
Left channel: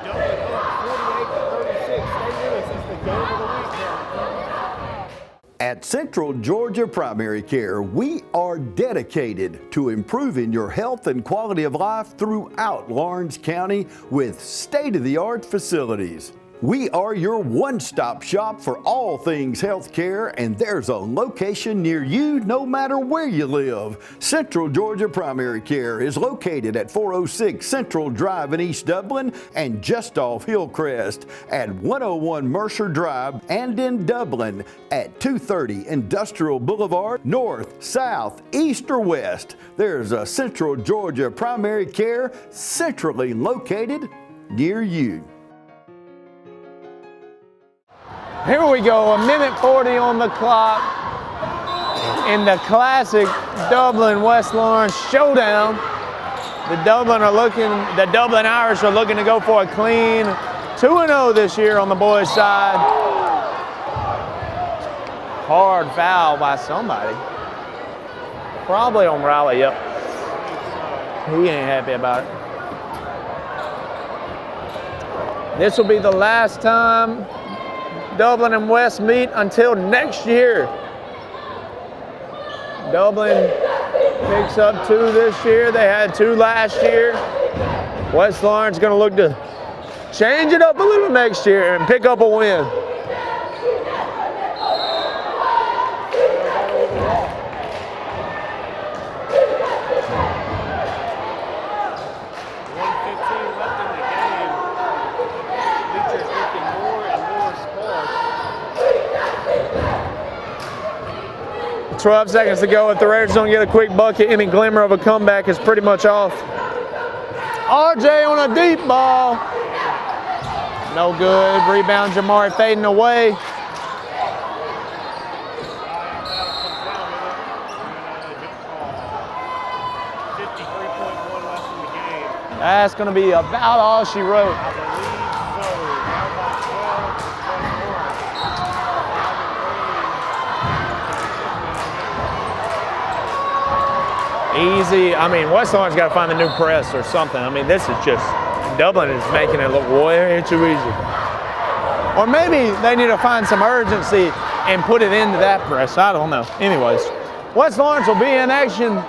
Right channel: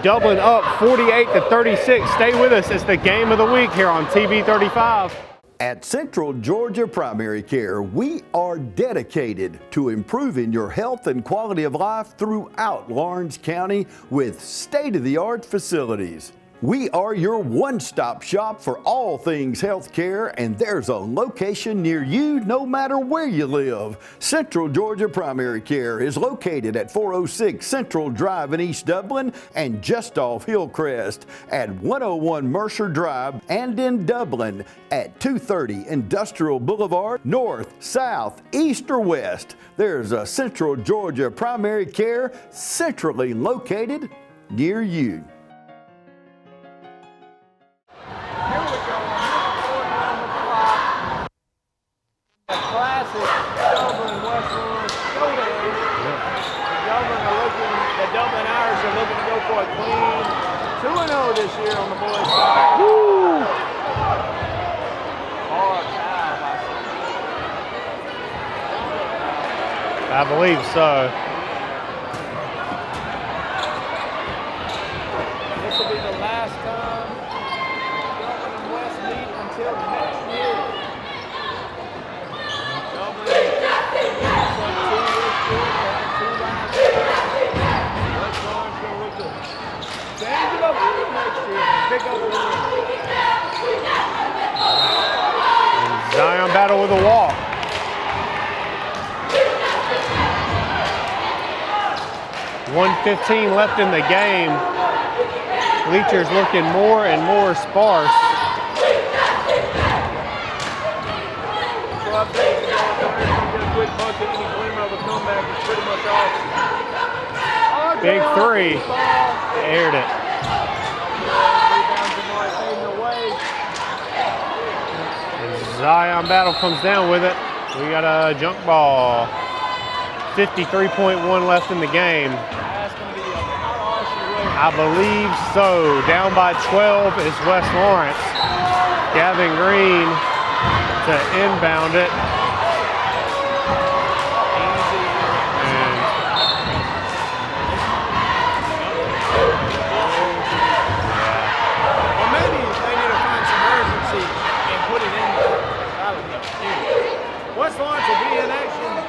Dublin up 48-36. Stay with us. It's the Game of the Week here on TV 35. At Central Georgia Primary Care, we are dedicated to improving your health and quality of life throughout Lawrence County with state-of-the-art facilities. We are your one-stop shop for all things health care, and there's a location near you no matter where you live. Central Georgia Primary Care is located at 406 Central Drive in East Dublin and just off Hillcrest, at 101 Mercer Drive, and in Dublin at 230 Industrial Boulevard. North, south, east, or west, there's a Central Georgia Primary Care centrally located near you. Here we go, 1:40 on the clock in the classic Dublin West Lawrence showdown. The Dublin Irish are looking to go for a clean 2-0 this year on the boys' side. Woo. Hard foul by somebody. Probably on Riley, yep. I believe so. He ain't happy about it. This will be the last time Dublin and West meet until next year. Dublin picks up 2 this year. They had 2 last year. West Lawrence going to look to change it up a little next year and pick up a win. battle with a walk. .115 left in the game. Bleachers looking more and more sparse. 12 seconds to go. If the Raiders don't get a quick bucket, any glimmer of a comeback is pretty much off. RJ on a deep ball. Aired it. No good. Rebound, Jamar fading away. Zion Battle comes down with it. We got a junk ball. 53.1 left in the game. That's going to be about all she wrote. I believe so. Down by 12 is West Lawrence. Gavin Green to inbound it. Easy. I mean, West Lawrence got to find a new press or something. I mean, this is just, Dublin is making it look way too easy. Or maybe they need to find some urgency and put it into that press. I don't know. Anyways, West Lawrence will be in action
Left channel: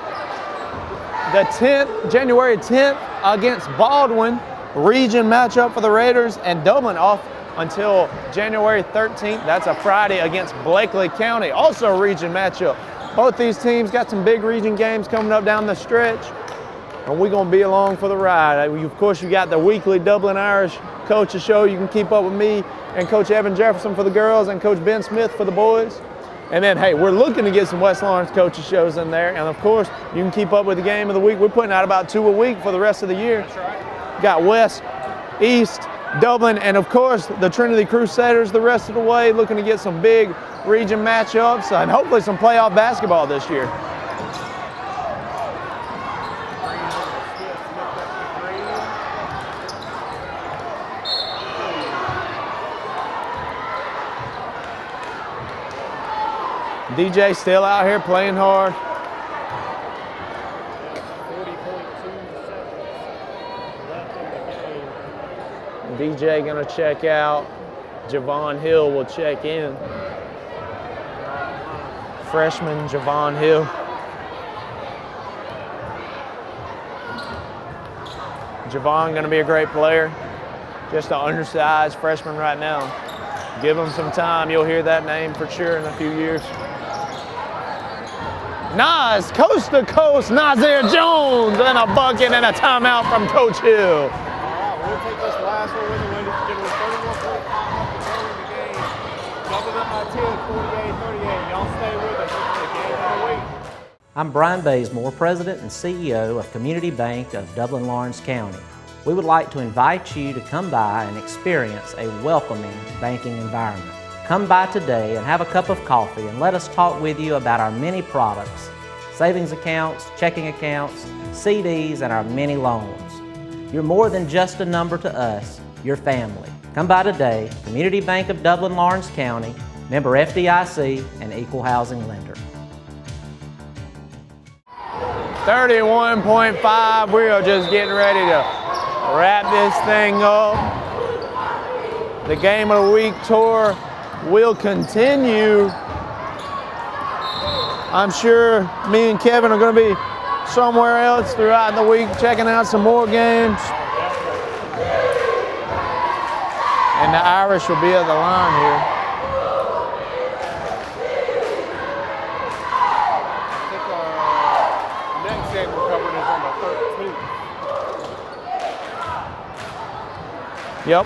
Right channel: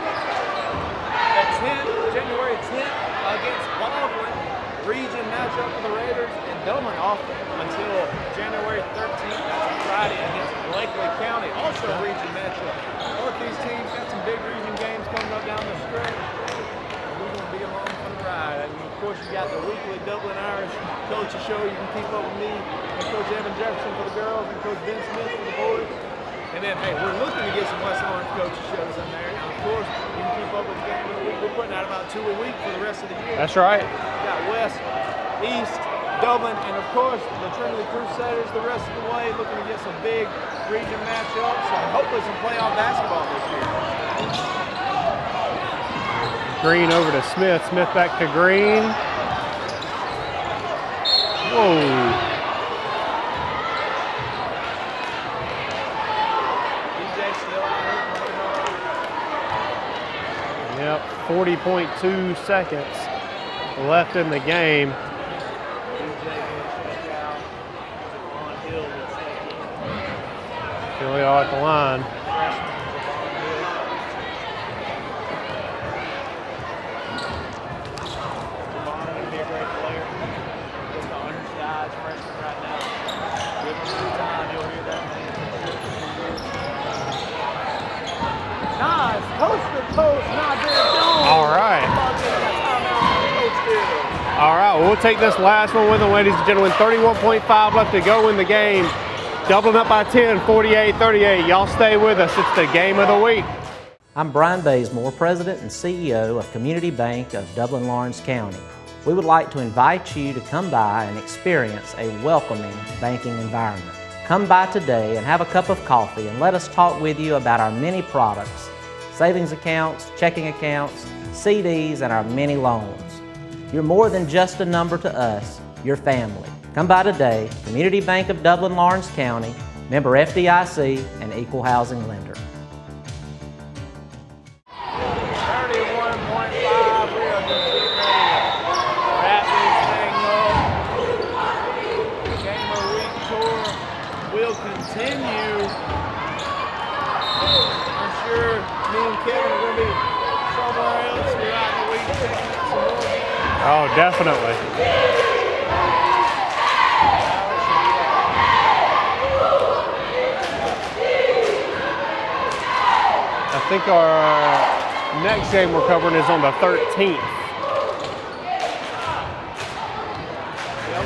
the 10th, January 10th against Baldwin. Region matchup for the Raiders, and Dublin off until January 13th. That's a Friday against Blakely County. Also a region matchup. Both these teams got some big region games coming up down the stretch, and we're going to be along for the ride. Of course, you got the weekly Dublin Irish Coaches Show. You can keep up with me and Coach Evan Jefferson for the girls and Coach Ben Smith for the boys. And then, hey, we're looking to get some West Lawrence coaches shows in there. And, of course, you can keep up with the game of the week. We're putting out about 2 a week for the rest of the year. That's right. Got West, East, Dublin, and, of course, the Trinity Crusaders the rest of the way, looking to get some big region matchups and hopefully some playoff basketball this year. Green over to Smith. Smith back to Green. Whoa. DJ still out here playing hard. Yep, 40.2 seconds left in the game. DJ gonna check out. Javon Hill will check in. Really all at the line. Freshman Javon Hill. Javon gonna be a great player. Just an undersized freshman right now. Give him some time, you'll hear that name for sure in a few years. Nas, coast to coast, Nazir Jones, and a bucket and a timeout from Coach Hill. All right, we'll take this last one with them, ladies and gentlemen. 31.5 left to go in the game. Doubling up by 10, 48-38. Y'all stay with us. It's the game of the week. I'm Brian Bazemore, President and CEO of Community Bank of Dublin-Lawrence County. We would like to invite you to come by and experience a welcoming banking environment. Come by today and have a cup of coffee and let us talk with you about our many products, savings accounts, checking accounts, CDs, and our many loans. You're more than just a number to us, you're family. Come by today, Community Bank of Dublin-Lawrence County, member FDIC, and equal housing lender. 31.5, we are just getting ready to wrap this thing up. The Game of the Week tour will continue. I'm sure me and Kevin are going to be somewhere else throughout the week checking out some more games. Oh, definitely. And the Irish will be at the line here. I think our next game we're covering is on the 13th. Yep.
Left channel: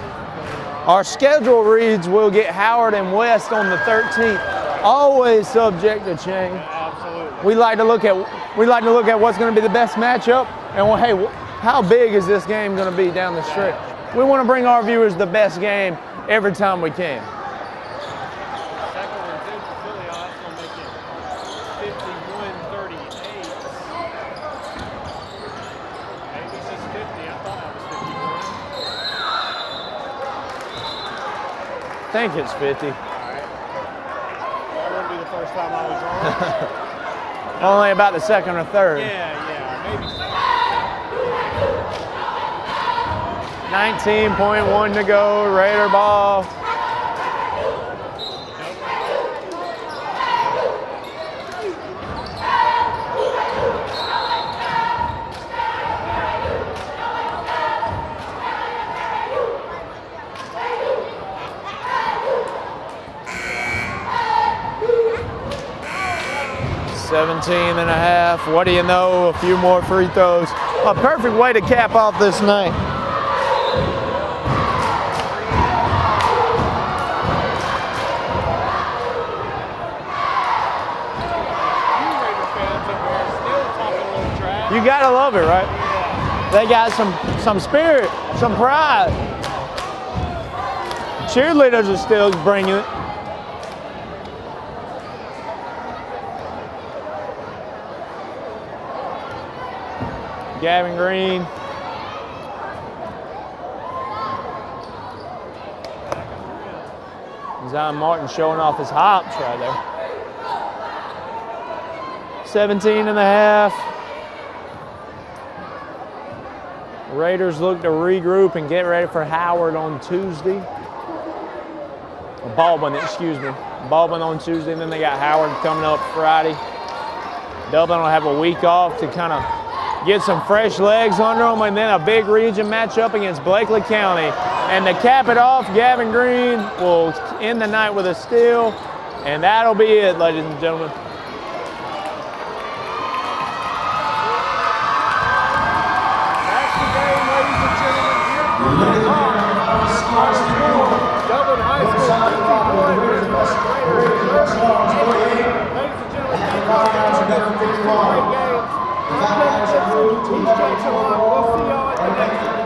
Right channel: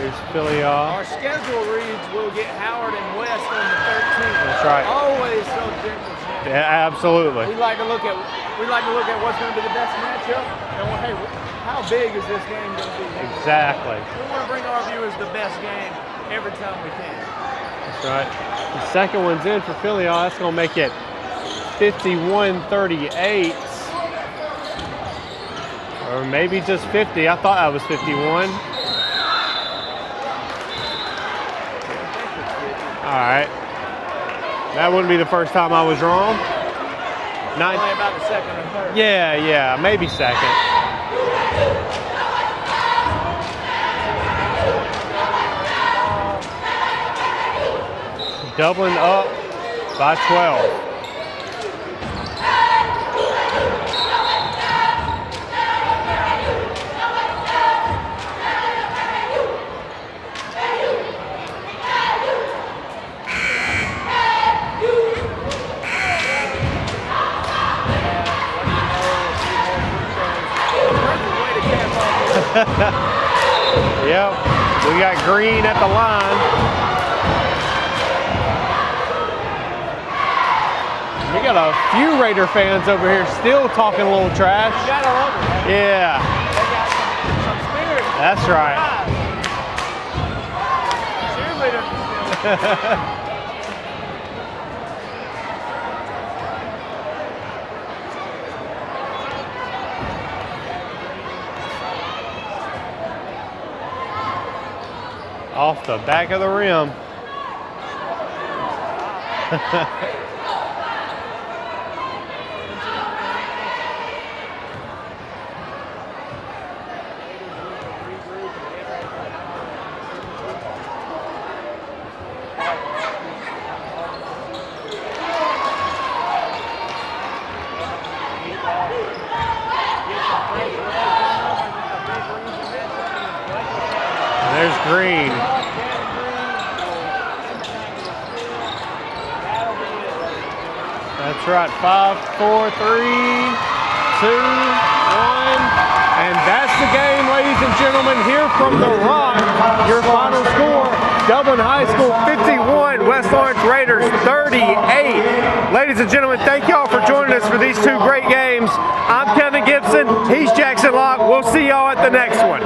Our schedule reads we'll get Howard and West on the 13th. That's right. Always subject to change. Yeah, absolutely. We like to look at what's going to be the best matchup, and well, hey, how big is this game going to be down the stretch? We want to bring our viewers the best game every time we can. That's right. The second one's in for Philly. That's going to make it 51-38. Or maybe just 50. I thought that was 51. I think it's 50. All right. That wouldn't be the first time I was wrong. Not only about the second or third. Yeah, maybe second. 19.1 to go, Raider ball. Dublin up by 12. What do you know? A few more free throws. A perfect way to cap off this night. Yep, we got Green at the line. We got a few Raider fans over here still talking a little trash. You gotta love it, right? Yeah. They got some spirit, That's some right. pride. Cheerleaders are still bringing it. Gavin Green. Off the back of the rim. Zion Martin showing off his hops right there. 17 and a half. The Raiders look to regroup and get ready for Howard on Tuesday. Baldwin, excuse me. Baldwin on Tuesday, and then they got Howard coming up Friday. Dublin will have a week off to kind of get some fresh legs under them, and then a big region matchup against Blakely County. And to cap it off, Gavin Green will end the night with a steal, and that'll be it, ladies and gentlemen. That's right, 5, 4, 3, 2, 1. And that's the game, ladies and gentlemen, here from the Run. Your final score, Dublin High School 51, West Lawrence Raiders 38. Ladies and gentlemen, thank y'all for joining us for these two great games. I'm Kevin Gibson, he's Jackson Locke. We'll see y'all at the next one.